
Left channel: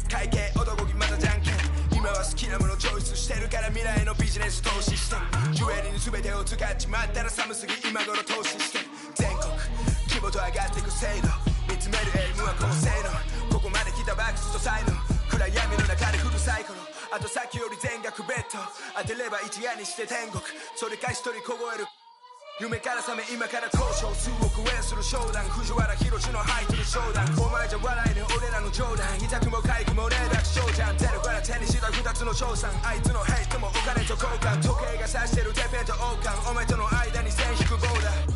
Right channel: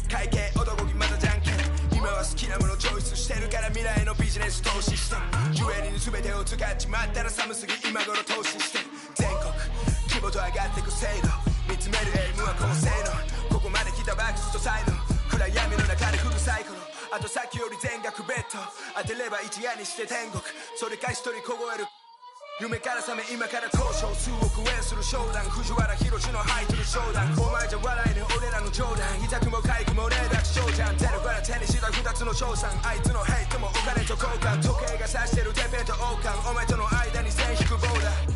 Kaike, Odogogi, Mother Janken. 今は好きなものチョイスしてるから未来のビジネス投資してジュエリーに全てを使っちまったら寒すぎ今頃投資して全国規模と上がっていく制度見つめるエイムは高性能ここまで来たバックスと才能暗闇の中でフルサイクルあとさっきより全額ベッド当てれば一夜にして天国それか一人凍える夢から覚め今から交渉数億円する商談藤原宏のハイトル商談お前じゃ笑えね俺らの冗談痛くも痒くもねえだけ翔ちゃんゼロから手にした二つの賞賛あいつのヘイトもお金と交換時計が指してるてっぺんと王冠お前との間に線引くボーダー